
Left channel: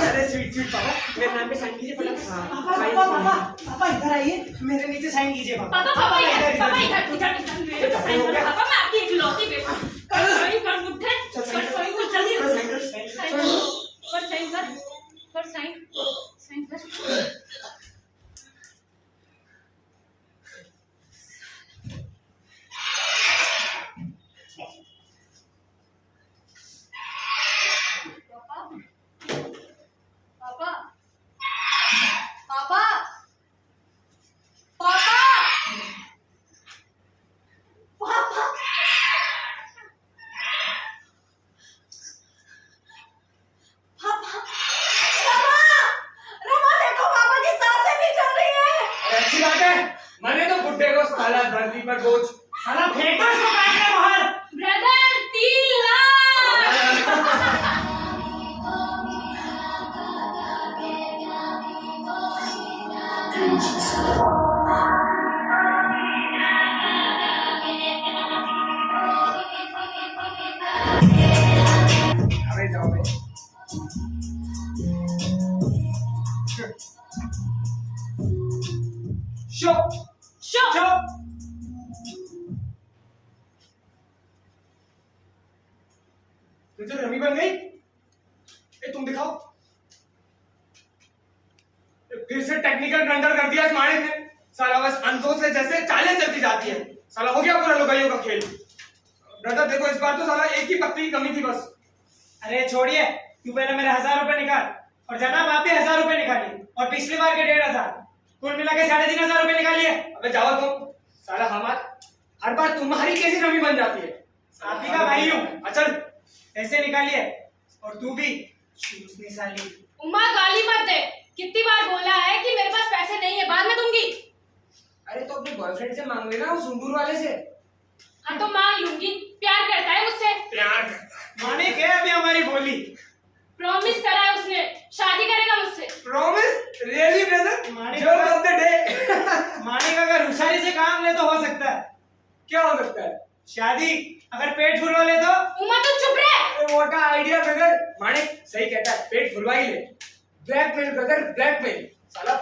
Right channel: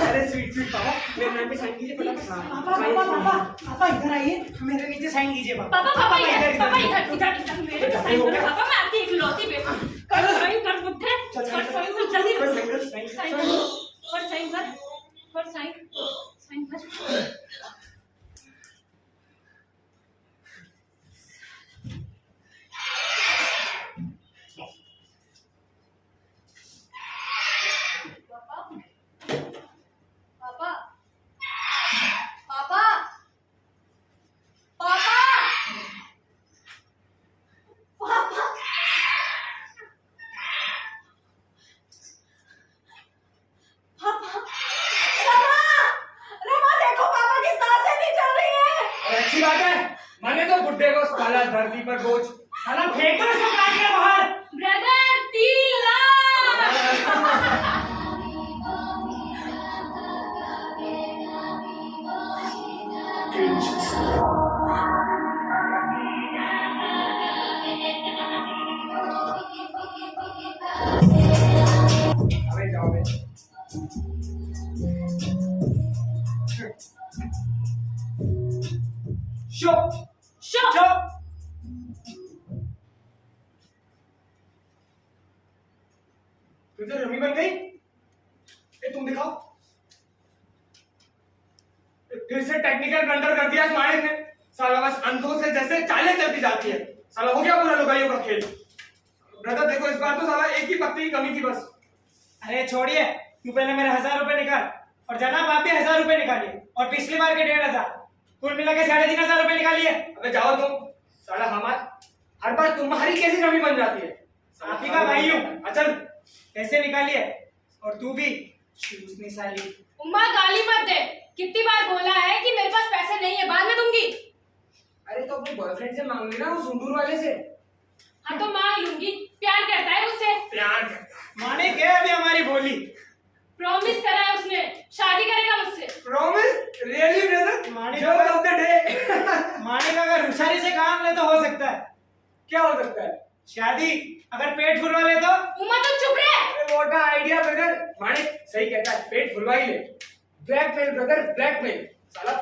अरे स्वीट स्वीट पापा, मेरे नाम पे साइन कीजिए फटाफट। पापा इधर आइए, मेरे नीचे साइन कीजिए। पापा पापा इधर, पापा इधर इधर इधर मेरे को साइन करो। पापा मैं आपकी इकलौती बेटी। कल साइन पर साइन साइन पर। पापा पापा पापा पापा पापा पापा रमा रमा देखो पापा की सांसें नहीं चल रही है। अरे अच्छी बात है, मैंने तो बुड्ढे को साला धरती पर बोझ साला फेंक दो इसको काट के बाहर। ब्रदर 3 लाख। अबे जाओ बे। शो शो तुझे रमी बन गई? ए तुम दिखाओ। फिर से टेक्निकल ब्लंडर कर दिया इस माणिक ने। साला बस अंतों से जैसे चालें चलती जाती है। साला हो गया पूरा लुगाइयों का खेल। ब्रदर देखो, इस बार तो साला एक ही पत्ती की कमी थी बस। अरे छोड़िए, तू पहले मेरे 1000 रुपए निकाल और जनाब आप भी 1000 रुपए निकालिए और पिछली बार के 1500, कुल मिला के 3500 रुपए निकालिए। अबे जाओ तुम। साला हर बार तुम्हारी कैसी रमी बन जाती है? आप ही का भाई हूँ। अचल पैसे निकालिए और तू भी चूसनी साली। उमा गाली मत दे। कितनी बार बोला है कि मेरे पास पैसे नहीं है, बाद में दूंगी। अरे तो अपने बॉयफ्रेंड से मांग लेना, उस उंडूर वाले से। हाँ तो मांग लूंगी, प्यार करता है मुझसे। प्यार करता है। माने के अभी हमारी बोली। प्रॉमिस करा है उसने, शादी करेगा मुझसे। प्रॉमिस? Really brother? माने जो ऑफ द डे। माने का अगर होशियारी से काम ले तो हो सकता है। क्या हो सकता है? शादी। अगर पेट फुलवा ले तो उमा तू चुप रहे। अरे व्हाट अ आइडिया ब्रदर। माणिक सही कहता है, पेट फुलवा ही ले। Blackmail brother, blackmail. साला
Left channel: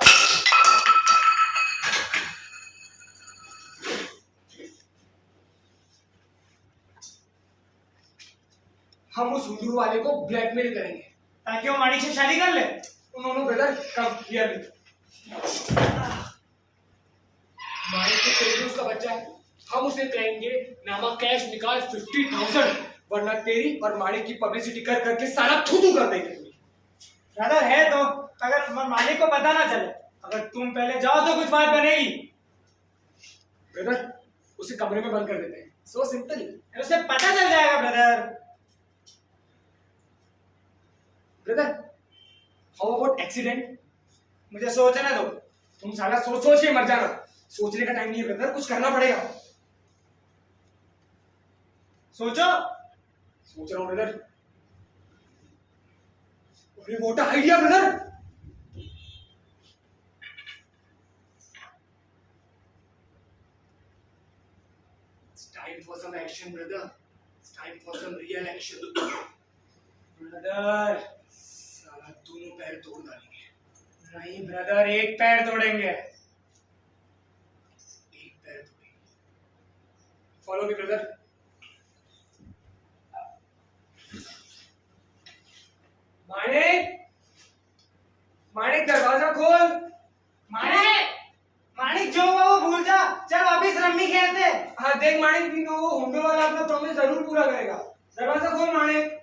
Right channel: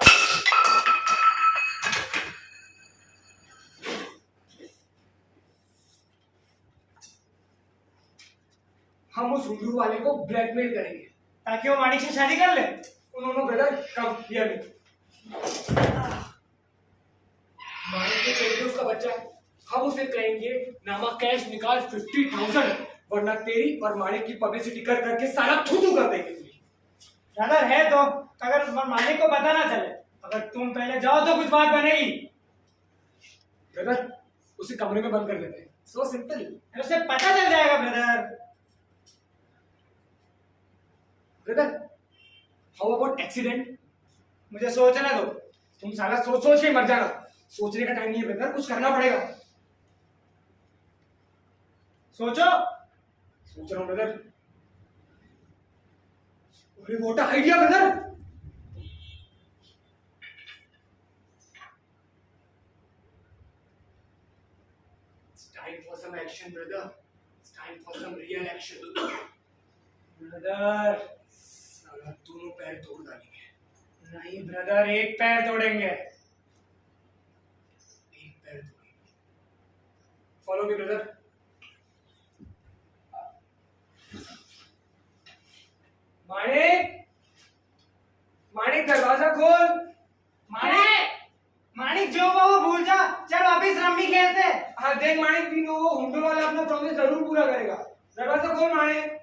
हम उस हुंडू वाले को ब्लैकमेल करेंगे ताकि वो माणिक से शादी कर ले। उन्होंने ब्रदर कम हियर मी। माणिक के पेट में उसका बच्चा है। हम उसे कहेंगे नामा कैश निकाल 50,000, वरना तेरी और माणिक की पब्लिसिटी कर करके साला थू कर देंगे तुम्हें। ब्रदर है तो अगर मालिक को पता ना चले, अगर तुम पहले जाओ तो कुछ बात बनेगी। ब्रदर उसे कमरे में बंद कर देते हैं। So simple. उसे पता चल जाएगा brother. Brother how about accident? मुझे सोचने दो। तुम साला सोच सोच के मर जाना। सोचने का टाइम नहीं है ब्रदर, कुछ करना पड़ेगा। सोचो। सोच रहा हूँ ब्रदर। अरे what a idea brother. It's time for some action brother. It's time for some real action. Brother साला दोनों पैर तोड़ डालेंगे। नहीं ब्रदर, एक पैर तोड़ेंगे। एक पैर तोड़ेंगे। Follow me brother. माणिक, माणिक दरवाजा खोल। माणिक, माणिक जो हुआ वो भूल जा। चल वापिस रम्मी खेलते। हाँ देख माणिक, भी वो हुंडो वाला अपना प्रॉमिस जरूर पूरा करेगा। दरवाजा खोल माणिक।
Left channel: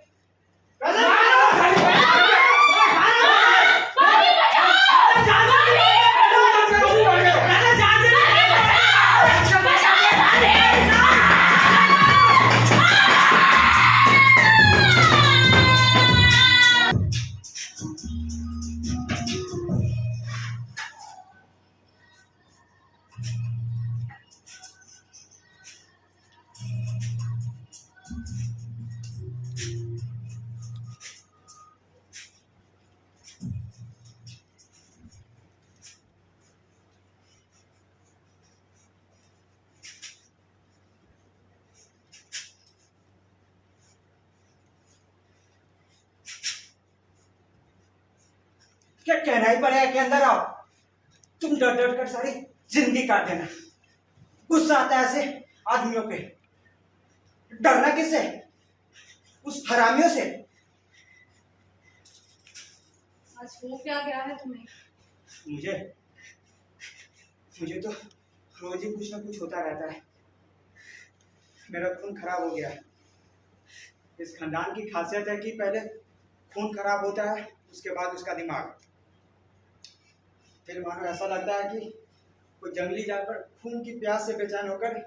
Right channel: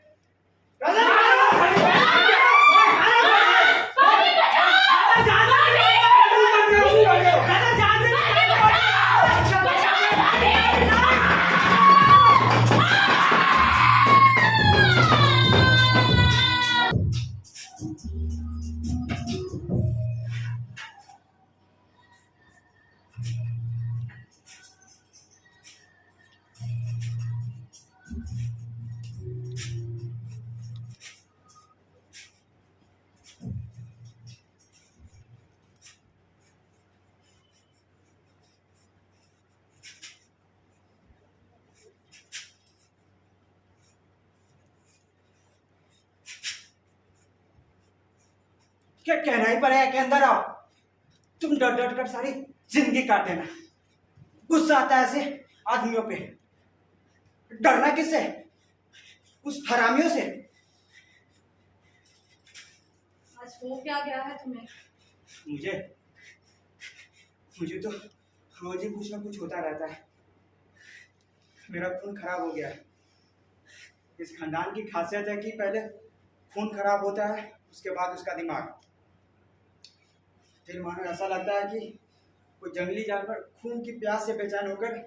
क्या कहना ही पड़ेगा कि अंदर आओ। तुम डर डर कर सारी जिंदगी काट देना। गुस्सा आता है ऐसे आदमियों पे। डरना किससे? उस हरामियों से। आज हो क्या गया है तुम्हें? मुझे मुझे तो रोज ही कुछ ना कुछ होता रहता है। मेरा खून खराब हो गया है। इस खानदान की खासियत है कि पहले खून खराब होता है, उसके बाद उसका दिमाग। फिर मानो ऐसा लगता है कि कोई जंगली जानवर खून की प्यास से बेचैन होकर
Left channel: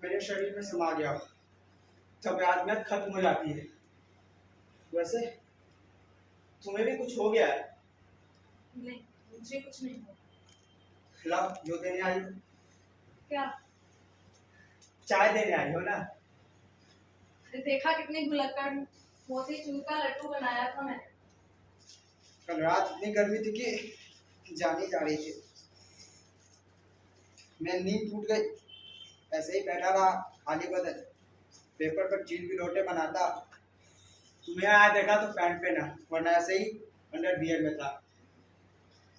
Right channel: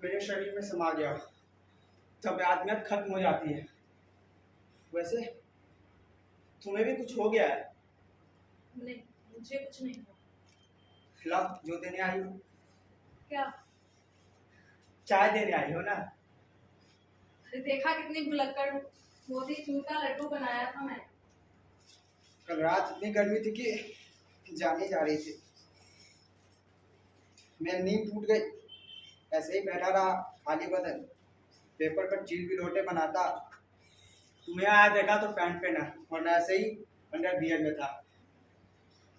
मेरे शरीर में समा गया हो, तब आदमियत खत्म हो जाती है। वैसे तुम्हें भी कुछ हो गया है? नहीं, मुझे कुछ नहीं हुआ। लाओ, जो देने आई हो। क्या? चाय देने आई हो ना? अरे देखा कितनी भुलक्कड़ हूँ। मोती चूर का लड्डू बनाया था मैंने। कल रात इतनी गर्मी थी कि जाने जा रही थी। मैं नींद टूट गई, ऐसे ही बैठा रहा खाली बदन, पेपर पर चील भी लोटे बनाता। तुम्हें आया देखा तो पैंट पहना, वरना ऐसे ही अंडर बियर में था।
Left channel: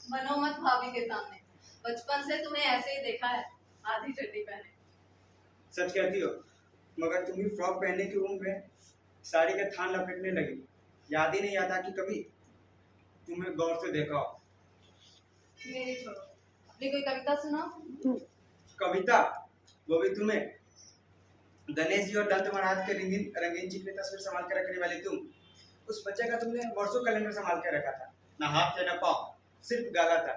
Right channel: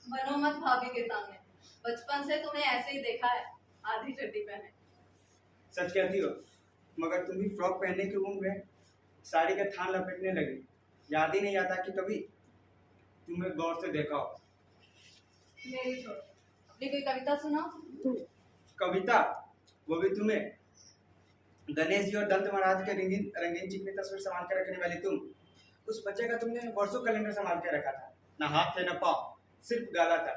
बनो मत भाभी के सामने। बचपन से तुम्हें ऐसे ही देखा है, आधी चड्डी पहने। सच कहती हो, मगर तुम भी फ्रॉक पहनने की उम्र में साड़ी के थान लपेटने लगी। याद ही नहीं आता कि कभी तुम्हें गौर से देखा हो। मेरी छोड़ो, अपनी कोई कविता सुनाओ। कविता? वो भी तुम्हें? गणेश जी और दंत महाराज के रंगीन रंगीन चिकनी तस्वीर संभाल कर रखने वाली तुम, उस बच्चे का तुमने वर्षों कैलेंडर संभाल कर रखा था। ना हाथ थे ना पाँव, सिर्फ गाला था,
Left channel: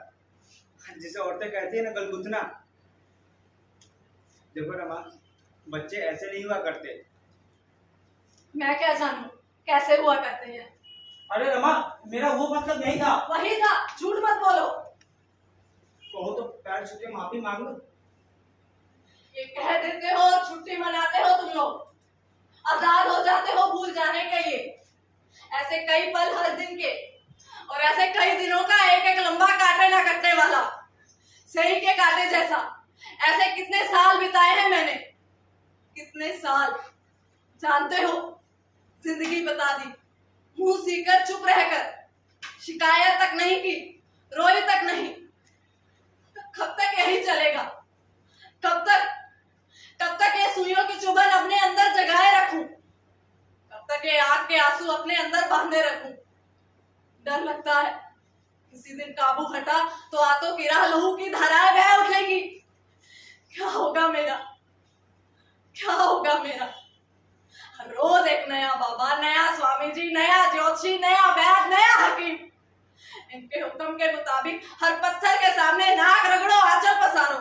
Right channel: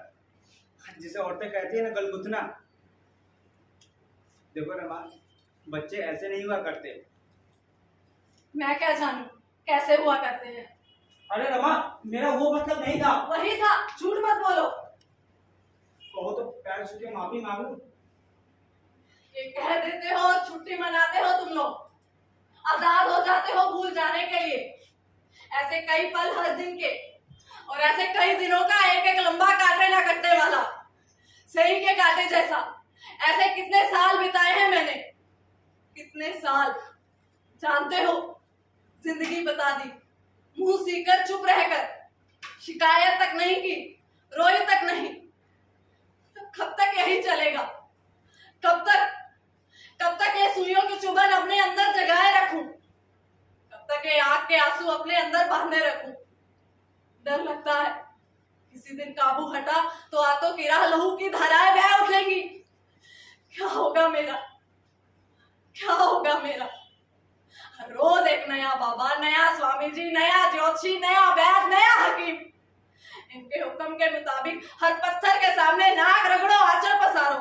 जिसे औरतें कहती है ना गलगुतना। देखो रमा, बच्चे ऐसे नहीं हुआ करते। मैं क्या जानूं कैसे हुआ करते हैं। अरे रमा, मेरा वो मतलब नहीं था। वही था, झूठ मत बोलो। कहो तो पैर छू के माफी मांग लूं। ये कह देते हो और छुट्टी मनाते हो तुम लोग। आजाद हो जाते हो भूल जाने के लिए। ऐसे कई पल हर दिन के, और ऐसे कई दिनों का एक एक लंबा काटे ना कटने वाला, सही के काटे जैसा। ऐसे कितने साल बिताए हैं मैंने, कितने साल। जानते हो, जिंदगी बता दी, मुंह सीकर चुप रहकर, शिकायत तक नहीं की, रोई तक नहीं। कब तक यही चलेगा? कब तक ये सुइयों की चुभन अपने अंदर जगाए रखूं? कब तक ये आग के आंसू अपने अंदर बांधे रखूं? डर लगता है किसी दिन काबू हटा तो आंतों की राह लहू की धाराएं बह उठेंगी। क्या होगा मेरा, क्या होगा मेरा? हर रोज एक नया बाबा, नया स्वामी जी, नया ज्योतिषी, नया वैद्य, नया हकीम। इनके हुक्म के मुताबिक हर पत्थर के सामने नाक रगड़ो, आंचल पसारो।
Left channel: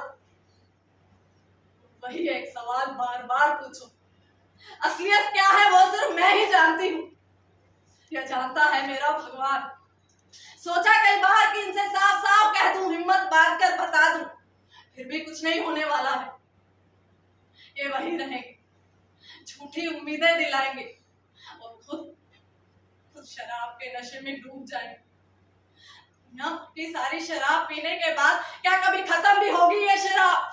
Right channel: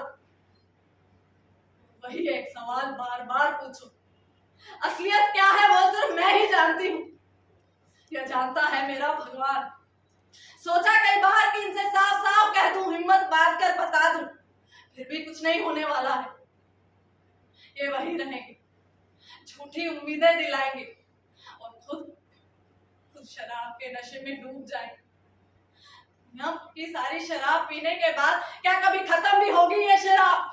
वही एक सवाल बार बार पूछो, असलियत क्या है वो सिर्फ मैं ही जानती हूँ। यह जानता है मेरा भगवान। सोचा कई बार कि इनसे साफ साफ कह दूं, हिम्मत बांध कर बता दूं, फिर भी कुछ नहीं होने वाला है। ये वही रहेंगे, झूठी उम्मीदें दिलाएंगे और खुद शराब के नशे में डूब जाएंगे। सारी शराब पीने के बाद क्या कभी खत्म भी होगी ये शराब?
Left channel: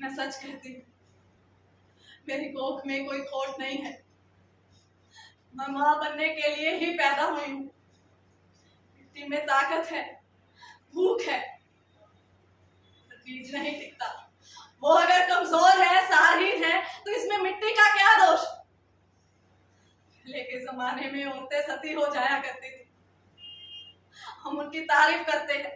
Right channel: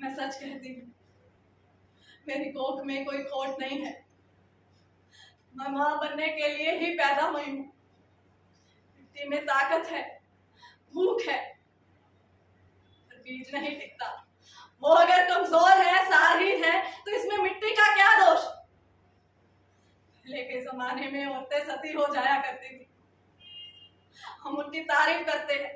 मैं सच कहती हूँ, मेरी कोख में कोई खोट नहीं है। मैं मां बनने के लिए ही पैदा हुई हूँ। मिट्टी में ताकत है, भूख है, पर बीज नहीं टिकता। वो अगर कमजोर है, सारहीन है, तो इसमें मिट्टी का क्या दोष? पहले के जमाने में औरतें सती हो जाया करती थी, हम उनकी तारीफ करते हैं।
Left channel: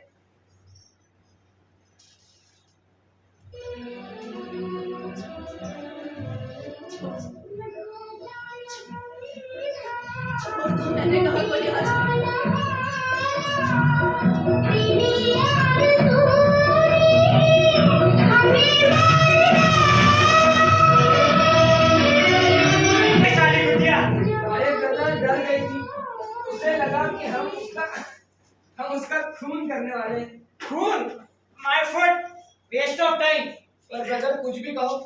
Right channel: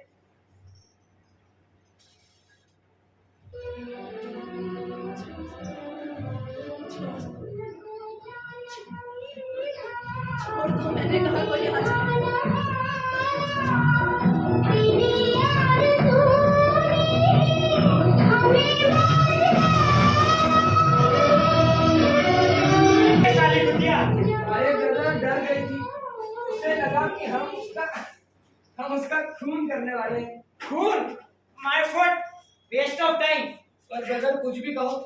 छोड़ दो, मैंने कहा कोई आज अरे ब्रदर डर गई थी, उसे लगा कि हम उसका खून करने वाले हैं। खून? My foot, waste of time. पर ब्रदर कुछ भी कहो,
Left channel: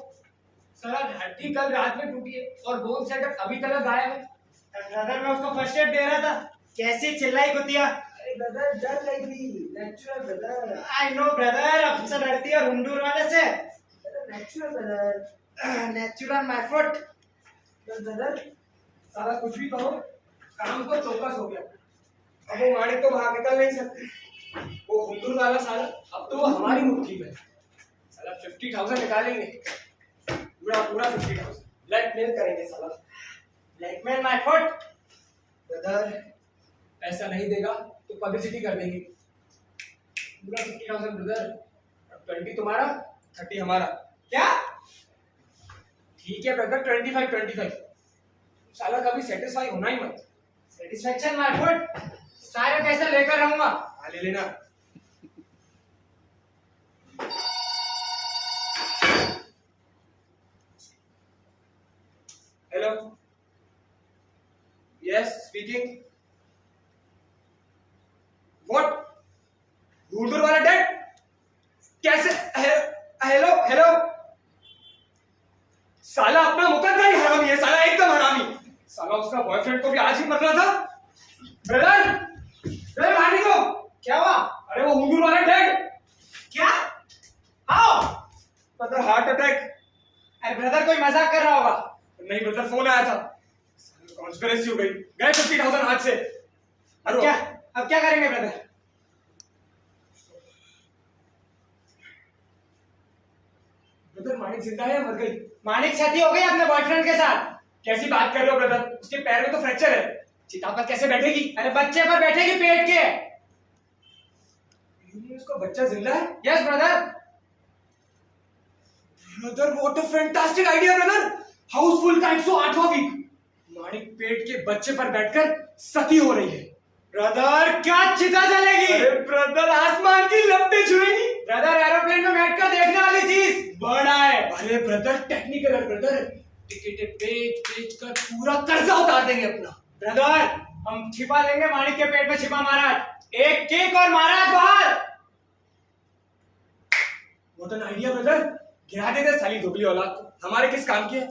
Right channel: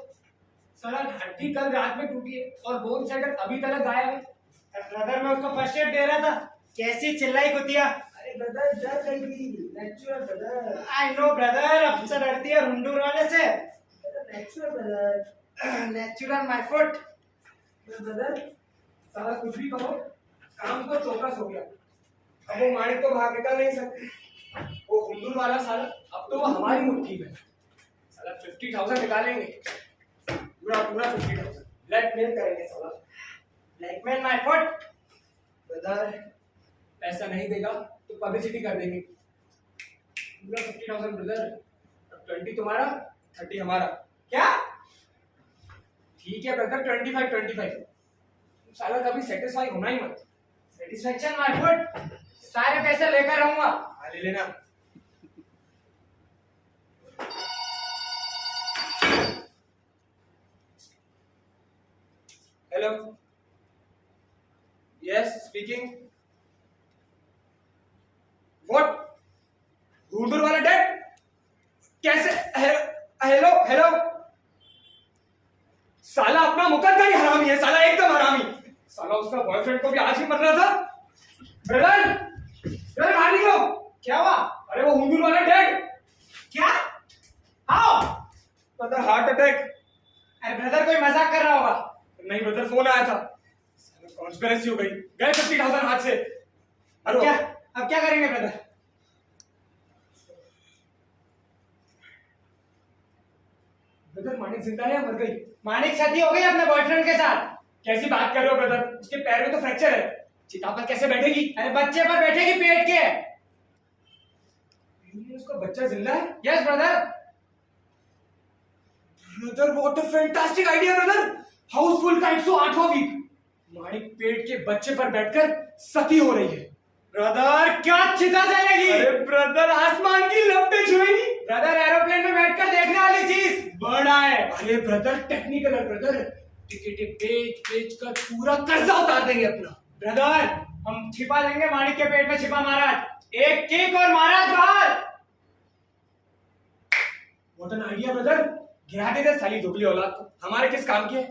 साला हड्डी कल रात में टूटी है और बोन सेटर अभी तक गायब है। ब्रदर मैं उसको फर्स्ट एड दे रहा था, कैसी चिल्लाई कुतिया। अरे ब्रदर डर गई थी, natural brother. I no brother, अब से डरती है हुंडूर वाले से। Natural brother, natural my foot. Brother साला कुछ भी कहो, काम को चौकस हो गया। अब वो मालिक तो बाहर निकल नहीं सकते। वो हुंडूर वाला साला अब तो वो हमारी मुट्ठी में। साला 50,000 निकालेंगे, पूरा 50,000 ब्लैकमेल करेंगे साला। Blackmail my foot. ब्रदर पैसा नहीं देगा तो पब्लिसिटी कर देंगे। पूरा 50,000 ब्रदर, 20 तुम्हारा 30 हमारा। क्या? ठीक है ब्रदर, 25। साला कभी सेटिस्फाई होना ही मत। सेटिस्फेक्शन माय फुट, सारे पैसे लेकर रहूंगा। हाँ ले लेना। Hello, yes speaking. व्हाट? हुंडूर वाला डेड? कैसे? हेलो हेलो, साला अपना मुकद्दर ही हरामी है, साला एकदम हरामी। साला उसका बॉयफ्रेंड को भी आज ही मरना था। ब्रदर ब्रदर बाहर निकलो। क्या हुआ? अरे वो हुंडूर वाला डेड। क्या? हाउ? Brother heart attack. अरे ब्रदर कोई मजाक कर रहा होगा। नहीं ब्रदर, फोन आया था। कॉन्स्पिरेसी हो गई, गए 50,000 हाथ से। अब क्या करेंगे ब्रदर? ब्रदर मानिक जिंदा है या मर गई? मानिक शादी हो गई अपने बॉयफ्रेंड के साथ। कैसी बात कर रहे हो ब्रदर? उसके पैर में तो फ्रैक्चर है, चिता पर कैसे बैठेगी? अरे बच्चे पर बैठेगी पेट के। उसका बच्चा जिंदा है? Yes brother. Brother what a fantastic idea brother. Housefull का 108वां वीक। मानिक पेट के बच्चे पर बैठकर सती हो रही है। ब्रदर क्या चिता जलेगी? अरे ब्रदर आसमान की लपटें छुएगी। ब्रदर एरोप्लेन में बैठकर देखने वाली चीज बड़ा है। अरे ब्रदर टेक्निकल है ब्रदर, टिकटें बेच कर पूरा कर्जा उतार देंगे अपना। ब्रदर हम छिपा देंगे मानिक के पेट में छिपा महाराज, एक किक और महाराज बाहर। व्हाट एन आइडिया ब्रदर, गिरा दे दे साली दोगली औलाद को, हमारे किस काम की है?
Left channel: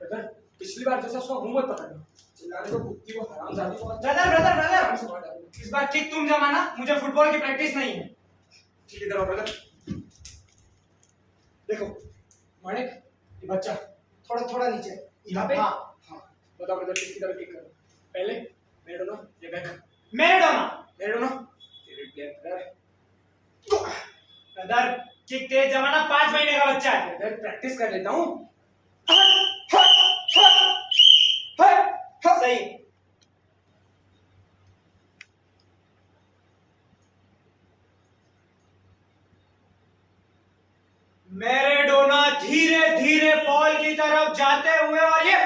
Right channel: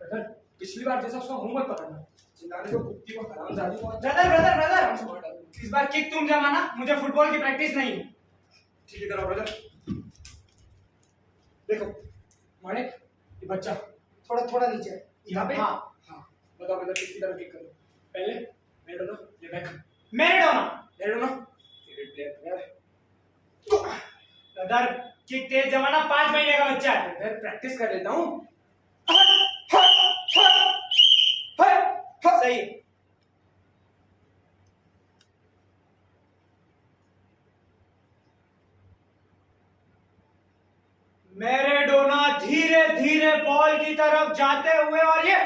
ब्रदर पिछली बार जैसा उसका मुंह मत पकड़ना, चिल्लाने को कुत्ती को हरामजादी को। ब्रदर ब्रदर ब्रदर इस बार किक तुम जमाना, मुझे फुटबॉल की प्रैक्टिस नहीं है। ठीक है करो ब्रदर। देखो मानिक, ये बच्चा थोड़ा थोड़ा नीचे यहाँ पे। हाँ हाँ बताओ ब्रदर किसकी तरफ किक करो? पहले मैराडोना या Beckham? Maradona. Favourite player brother. Brother kick तेज जमाना, 5 महीने का बच्चा है। ब्रदर प्रैक्टिस कर लेता हूँ। सही। मैराडोना धीरे धीरे बॉल की तरफ जाते हुए और ये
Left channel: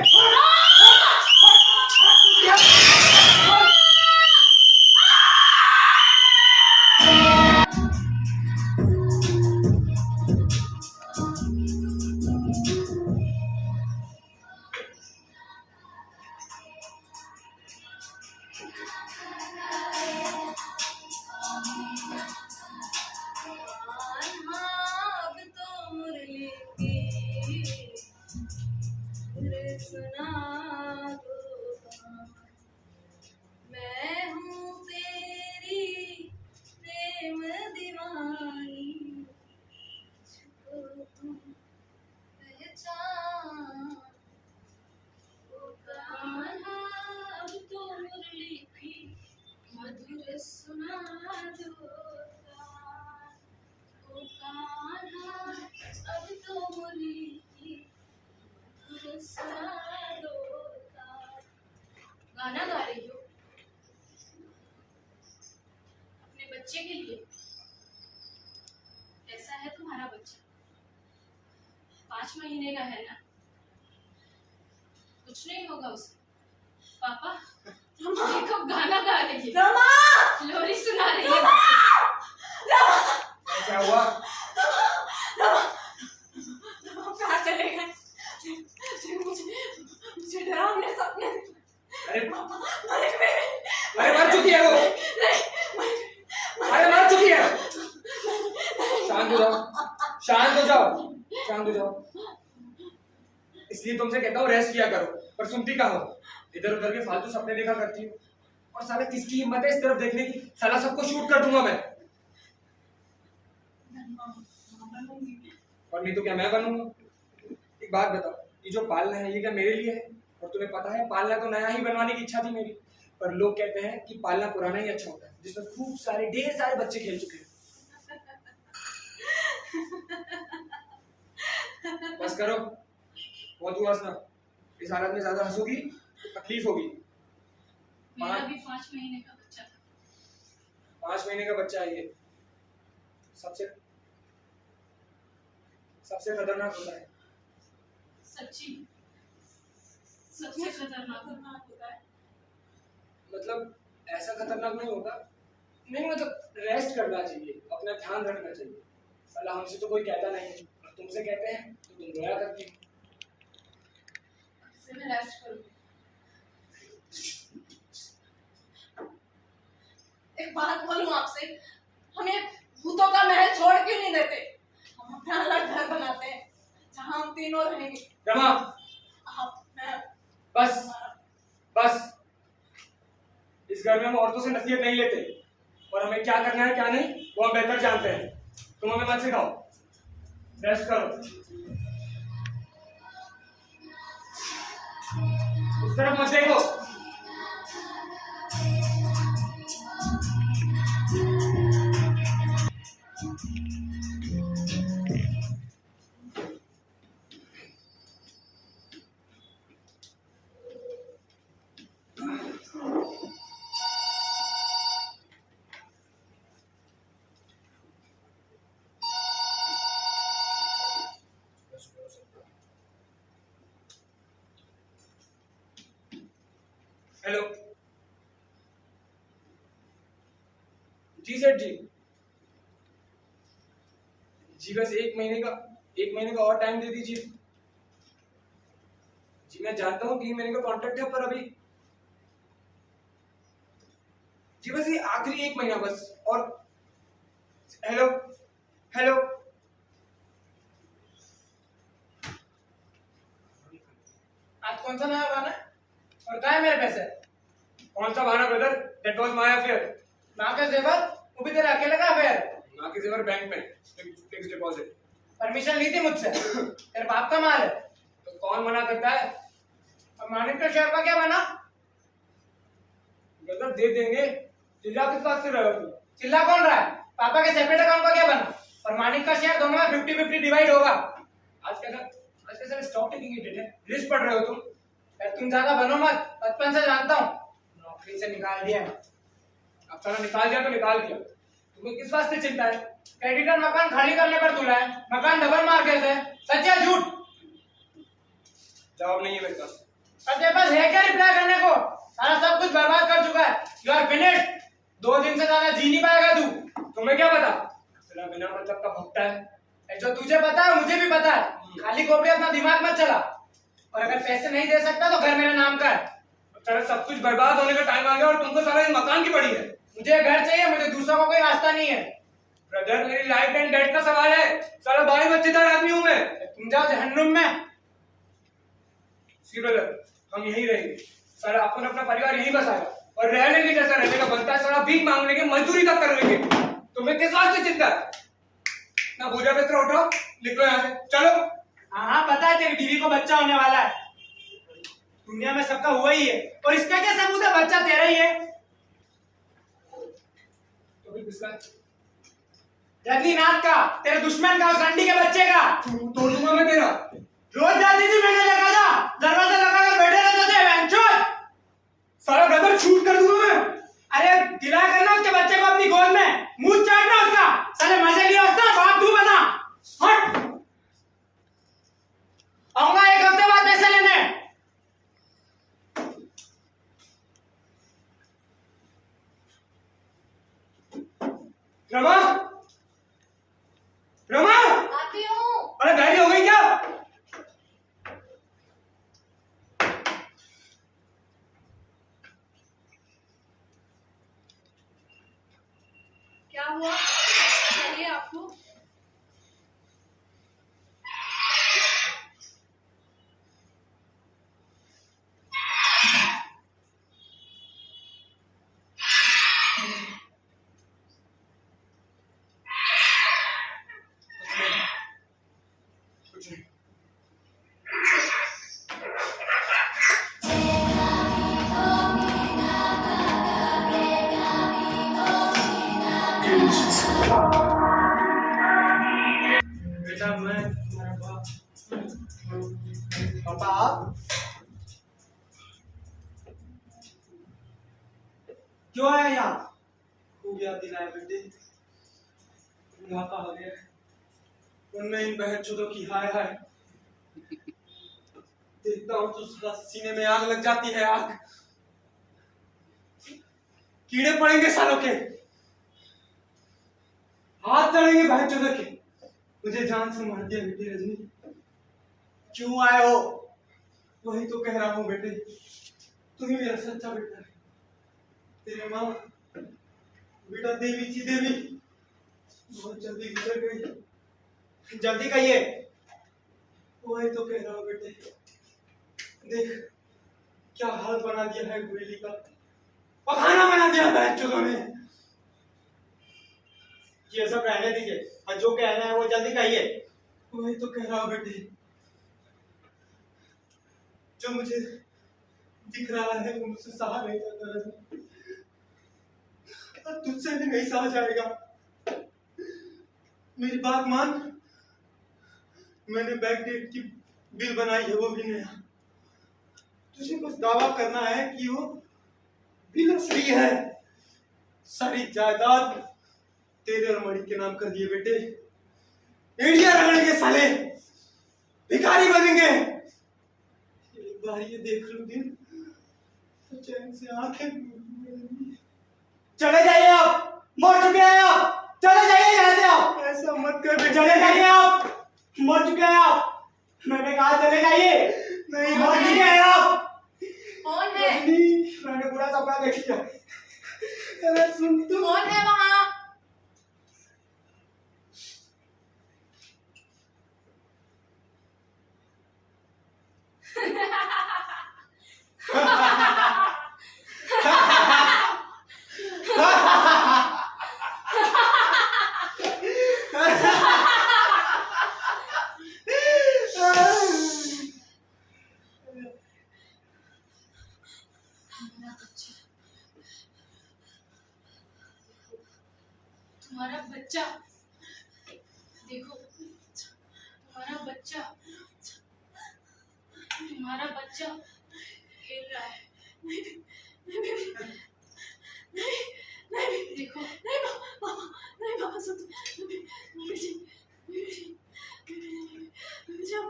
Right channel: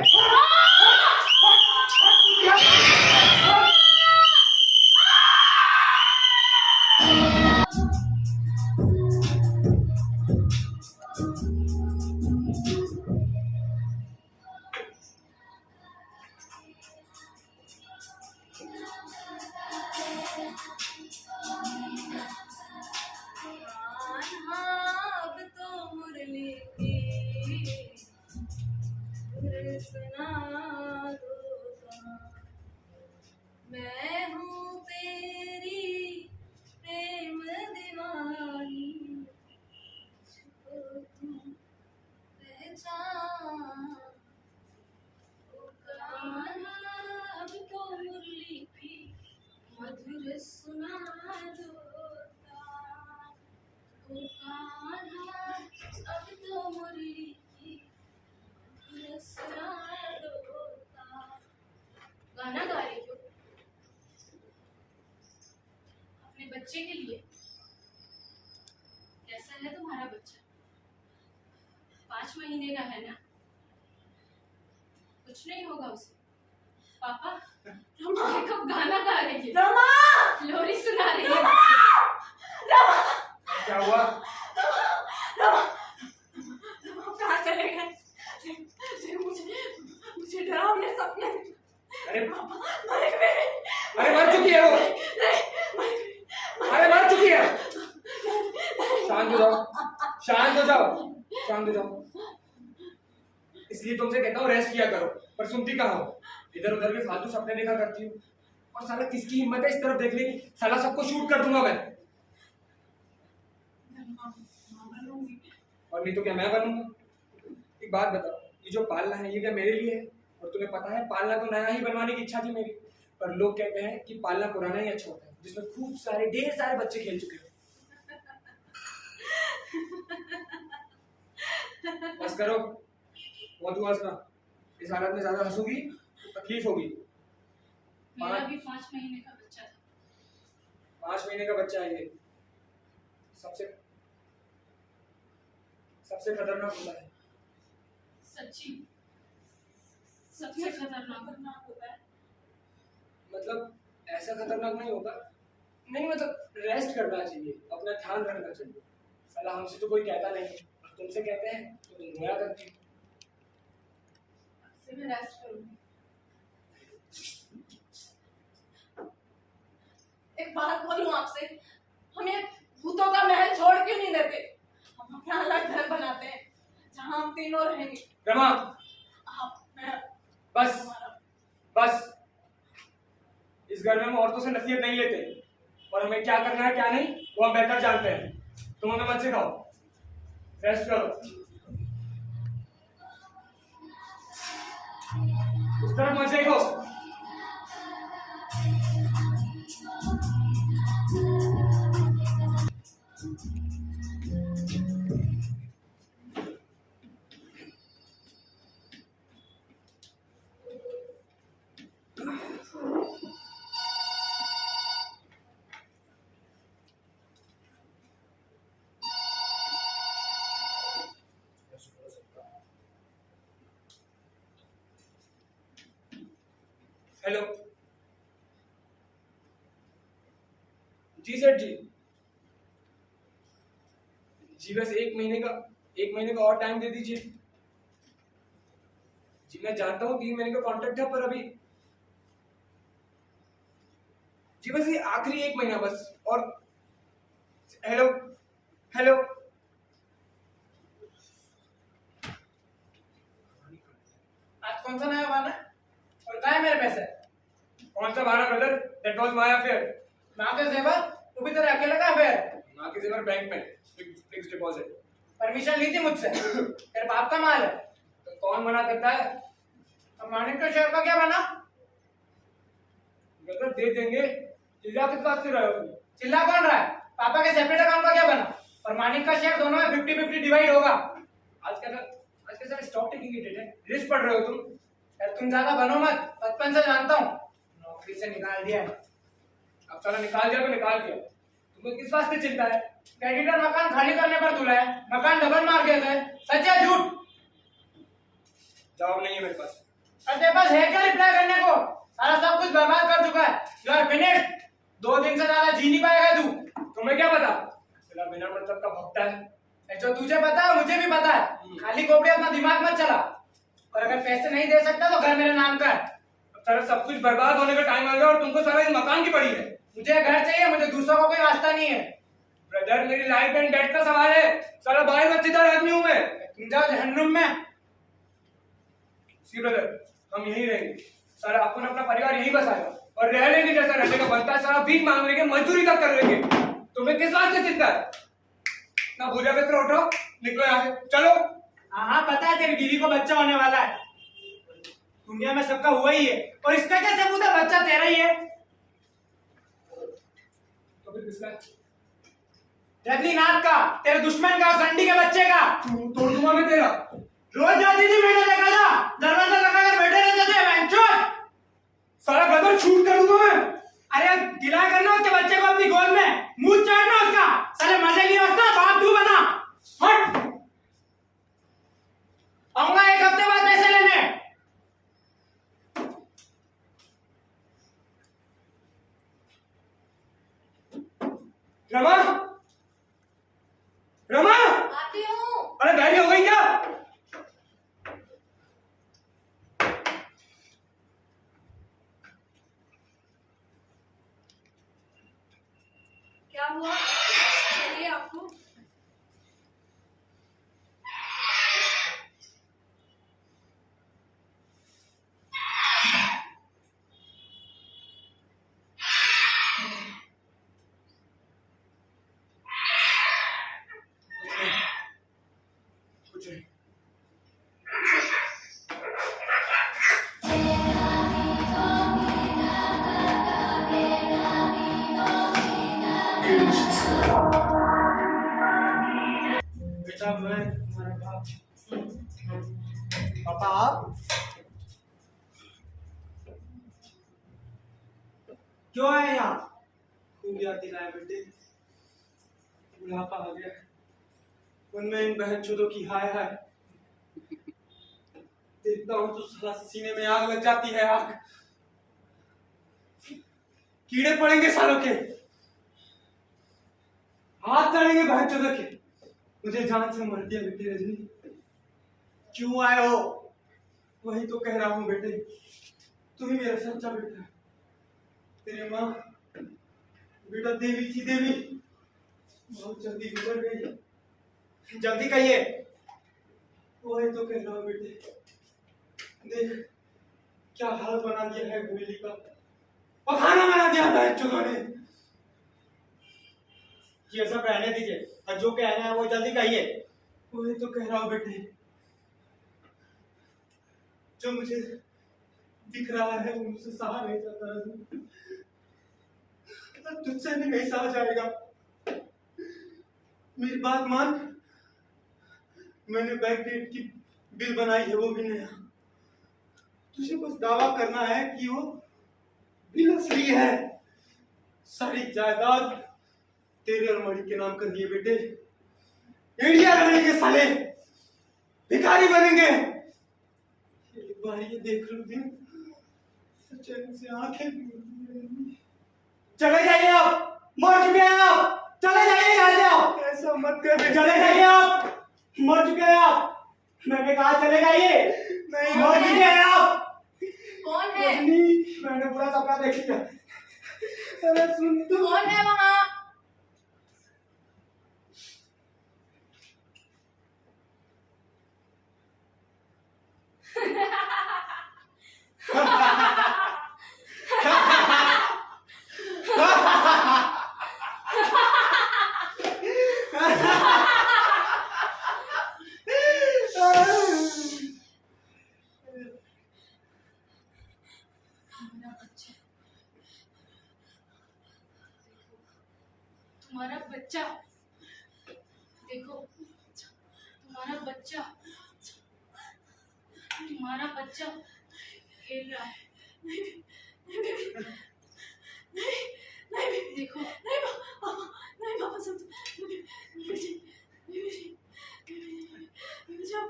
अब तो मुरली की फिर सुना दो। मैं हूँ तेरी प्रेम दीवानी, छुपो तुम पहचान। ओ कान्हा अब तो मुरली की मधुर सुना दो तान। ओ कान्हा अब तो मुरली की मधुर सुना दो तान। गाना गा रही हो अपने बच्चे के लिए? कैसा है तुम्हारा बच्चा? 5 महीने का है ना? कुछ नहीं होगा उसे। पापा देखो गाना गा रही है, रमा, लोरी सुना रही है। क्या हुआ? कहाँ चले गए? मुझे डरावने सपने। अरे पापा मर गए। अरे मर चुकी है वो। अरे मर चुकी है। शांत हो जाओ, शांत हो जाओ, शांत हो जाओ। इसलिए तुमसे कहता हूँ रेस्ट किया करो, पर सुनती कहाँ हो? इधर उधर के फालतू सपने देखा करती हो। और साला किसकी हिम्मत है इस तरफ देखने की? साला सबको शूट कर दूंगा मैं। और नहीं तो क्या मैं बनूंगा? एक बात बताओ, ये जो पालना है ये क्या मेरे लिए है? और तुम्हें पता है पालना तो नया ही बनवाने की इच्छा थी मेरी, पर लोग कहते हैं कि पालना पुराना ही अच्छा होता है, जिसमें खूब सारे ढेर सारे बच्चे खेल चुके हैं। बस करो, बहुत हुआ हंसना। इस हालत में ज्यादा हंसोगी तकलीफ होगी। मेरा भी 5 महीने का बच्चा था। 5 महीने का बच्चा है ये। सबसे सबसे खतरनाक होता है। सच्ची सबसे खतरनाक। खतरनाक होता है। मतलब ऐसा खतरनाक नहीं होगा, नहीं मतलब रेस्ट करना चाहिए, अपना ध्यान रखना चाहिए। साला हमसे तो कोई कहता नहीं है, और तुमसे कहते हैं तो तुम रोया करती हो। से मैं रेस्ट करूंगी। एक बात बोलूं आपसे, हमें भूतों का महल छोड़ क्यों नहीं देते? हम अपना अलग घर बनाते हैं जहां हम तीनों रहेंगे। रमा आप, मैं, बस हमारा- बस, इस घर में हम औरतों से नसीहत नहीं लेते, और हमें क्या करना है क्या नहीं वो हम बेहतर जानते हैं। तुम हमें मत सिखाओ, रेस्ट करो। उस तरफ मत देखो। हेलो जी सर जी, जी बस 1 महीने का और टाइम दे दीजिए। जी मैं जानता हूँ 3 महीने का कॉन्ट्रैक्ट है, पर अभी जी बस ये आखिरी 1 महीना बस। और हेलो हेलो आज कौन सा नया बहाना है? और कहाँ है मेरे पैसे? कौन सा बहाना brother? That was my affair. माँ के जेवर वो भी तेरा अकेले का अफेयर है। माँ के जेवर बैंक में फिक्स डिपॉजिट। परमिशन ली थी मुझसे? तेरे बाप का माल है। तो कौन मना करता है? अब मानिक के शेयर का क्या बना? ब्रदर दे देंगे, चिल्ला किस बात से रहे हो तुम? चिल्ला कौन रहा है? पापा के सेपरेट अकाउंट का क्या बना? और मानिक का शेयर दोनों में 50-50 डिवाइड होगा। आज कैसा स्टॉक टेकिंग इडिट है, रिस्क पढ़ रहे हो तुम? यार तुम ज्यादा बनो मत, बचपन से जानता हूँ। नौकरी से निकाल दिया है। अब साला निकाल दिया तो निकाल दिया, तुम्हें किस वास्ते चिंता है? क्रेडिटर मकान खाली करने पर तुला है, मकान डबल मार्केट है। सच या झूठ? जवाब नहीं है मेरे पास। और तेरे पास है क्या रिप्लाई करने को? सारा सब कुछ बर्बाद कर चुका है। You are finished. 2 दिन से ज्यादा जी नहीं पाएगा तू। तुम्हें क्या पता? तेरा बिना मतलब का भक्ता है। जो तुझे पता है मुझे भी पता है। खाली खोपड़ी अपना दिमाग मत चला। और अगर पैसे नहीं दे सकता तो घर मेरे नाम का है। अब सारा सब कुछ बर्बाद होने का टाइम आ गया और तुमको सारा इस मकान की पड़ी है। मुझे घर चाहिए, मुझे दूसरों का कोई वास्ता नहीं है। ब्रदर मेरी लाइफ एंड डेथ का सवाल है। सारा भाई बच्चेदार आदमी हूं मैं। तुम जाओ जहन्नुम में। सी ब्रदर, हम यहीं रहेंगे। सारा अपन अपना परिवार यहीं बसाएगा और रह लेंगे जैसा रहने का बनता है। सारा भीख मांग लेंगे, मजदूरी तक कर लेंगे। तुम्हें किस बात से चिंता है? ना भूजा बिस्तर उठाओ, निकलो यहाँ से, चलो। हाँ पता है तेरी बीवी को बच्चा होने वाला है। दुनिया में सबका हुआ ही है, और इसका क्या सबूत है? बच्चा तेरा ही है। तो फिर किसका? रजनीनाथ का, तेरे दुश्मन का, उस रंडी के बच्चे का। तोड़ दूंगा मैं तेरा। रोज जाती थी मैंने देखा था, दरवाजा लगाकर बैठे रहते थे बेंचों। सारा ब्रदर शूट कर दूंगा मैं। अरे गिला करना उसके बच्चे को अपनी गोद में, मुंह चाटना उसका। साले मजे लिया उसका, बाप तू बना। हट। आऊंगा 1 हफ्ते बाद पैसे लेने। रमा, रमा, आती हूँ। अरे बैठी हो गई क्या? क्या हुआ? चलिए आपको। कुछ नहीं। Good. क्यों आया यहाँ? हो गया दिन आए बेटे, बुढ़ापा आ गया, उनमें इन बहनचोदों की हाय हाय देखता हूँ तो साला सीने में आग लग जाती है, आग। कीड़े पड़ेंगे सालों के, हाथ चढ़ेंगे बहनचोदों के। मुझे जान से मार दिया बेटे रजनी। क्यों आए हो? वही तो कह रहा हूँ बेटे, तू ही मेरा सच्चा बेटा है। तेरी माँ बेटा देवी थी, देवी बहुत जल्दी गुजर गई। जल्दी कहिए। वही तो कह रहा हूँ बेटे, देख क्या हाल बना दिया है गोली का, पखाना बना दिया है बहनचोदों ने। ये सब रहने दीजिए और जो कह रहे हैं वो जल्दी कहिए। वही तो कह रहा हूँ बेटे, जो मुझे दिख रहा है वो मुझसे सहा नहीं जाता रजनी, तुझसे भी नहीं सहा जाएगा। मेरी बात मान, मैंने बैकडेट की बिल बनाई है, वो भी नया। तुझे बस दावा करना है कि वो बिल असली है। सारी जायदाद तेरे और मणि के नाम कर दिए बेटे। इंडिया रहेंगे साले, भिखारी बनेंगे। एक बार ये देख लो दिन, चैन से आंखें। चले जाइए आप, मर चुके हैं आप, चले जाइए यहाँ से आप। ऐसा मत कर बेटे, चले जाइए आप, मर चुके हैं आप। मैंने कहा चले जाइए, नहीं मर चुके हैं आप। कौन है? रजनी, मैंने पूरा सपना देख लिया। अरे सुन तो। कौन है वहाँ? मेरा बच्चा, तुम्हारा बच्चा, देखो तुम्हारा बच्चा, तुम्हारा बच्चा खेल रहा है। देखो नहीं पापा, नहीं पापा सुन, मुझे अब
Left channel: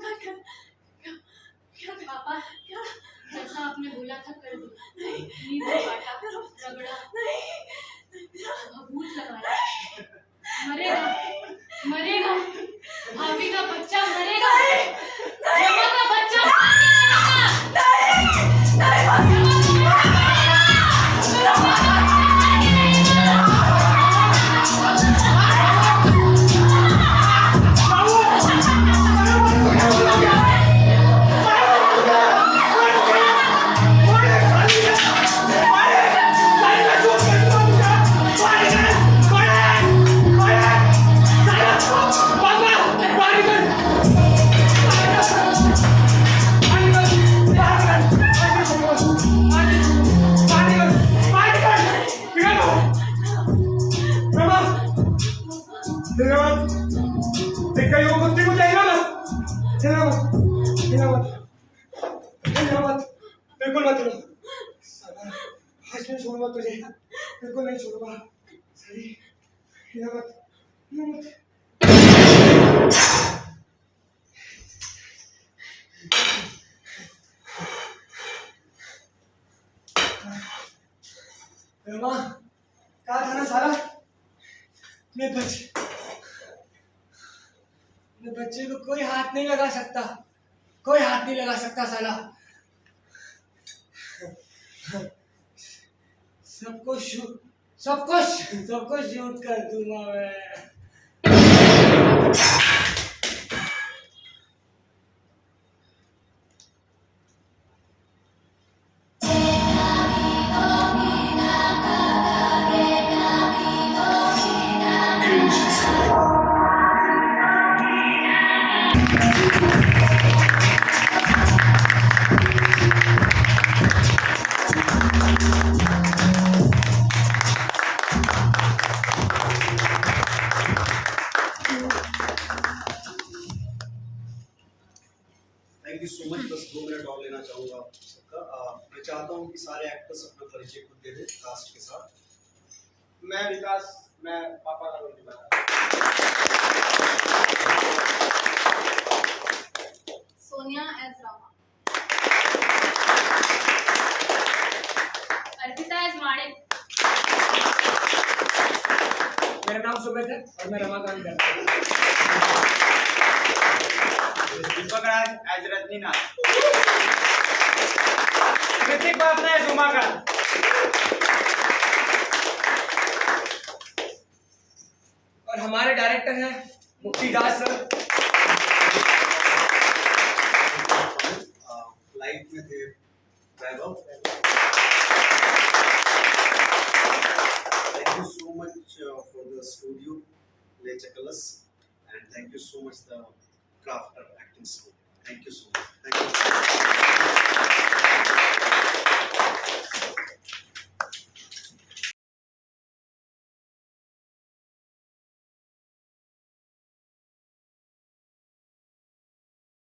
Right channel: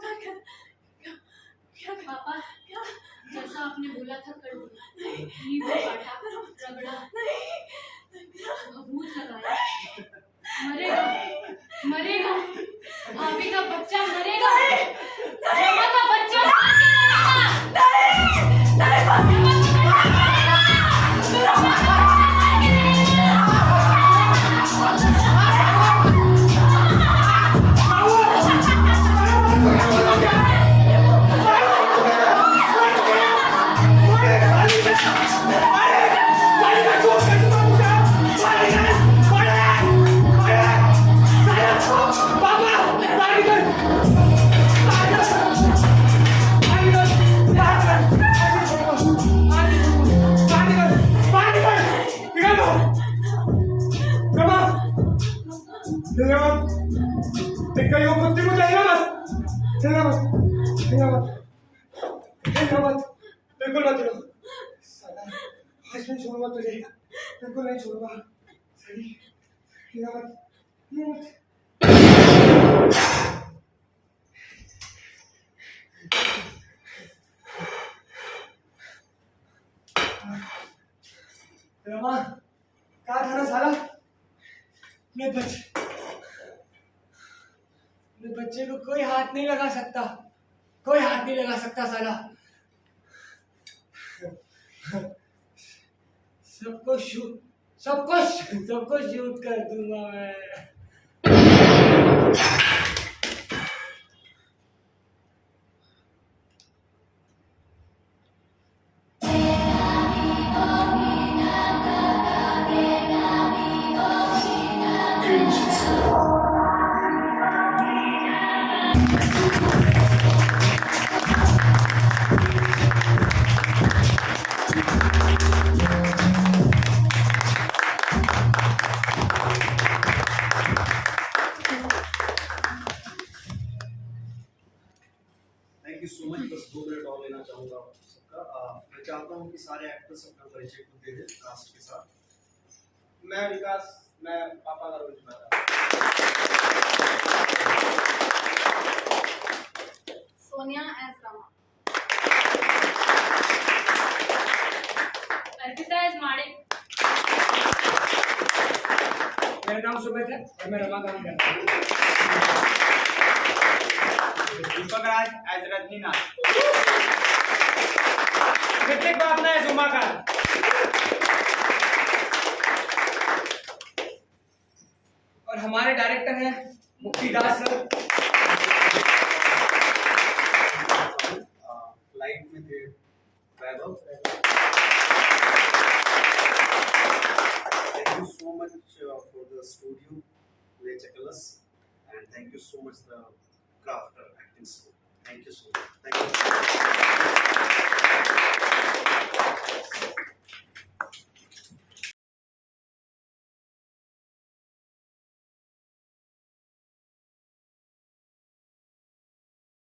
क्या पापा, क्या? जैसा आपने बोला था कर दो। नहीं, नींबू काटा, रगड़ा, भभूत लगाया, मरेगा, मरेगा, भाभी का बच्चा मरेगा, जमा का बच्चा बिल्कुल मत हिलो। साला, आज नहीं छोड़ूंगा तुझे, बिल्कुल नहीं छोड़ूंगा। सही, हिलो मत, हिलो मत। रमा, कहाँ था ना साला? अपने बच्चे को कोई हाथ नहीं लगा सकता, कोई हाथ नहीं लगा सकता साला। सबको शूट कर दूंगा मैं। Thank you so much. बस 2 मिनट और लेना चाहूंगा आप सबका। मैं चाहता हूँ कि सारे एक्टर्स अपना परिचय खुद दे दें कास्ट के साथ। मैं विकास, मैं पापा का रोल निभा रहा सोनिया एज रमा। अर्पिता इज माड़े। मेरा नाम सुमित है और मैं रमाकांत कर रहा हूँ। दीपक राज एज रजनीनाथ। ऋतिक बाबला एज उमाकांत। और हमारे डायरेक्टर हैं मुक्तिदास सर। लाइट में थे वैभव। Thank you so much for the studio, Lechakalas, and thank you so much the Crafter acting school. Thank you so much.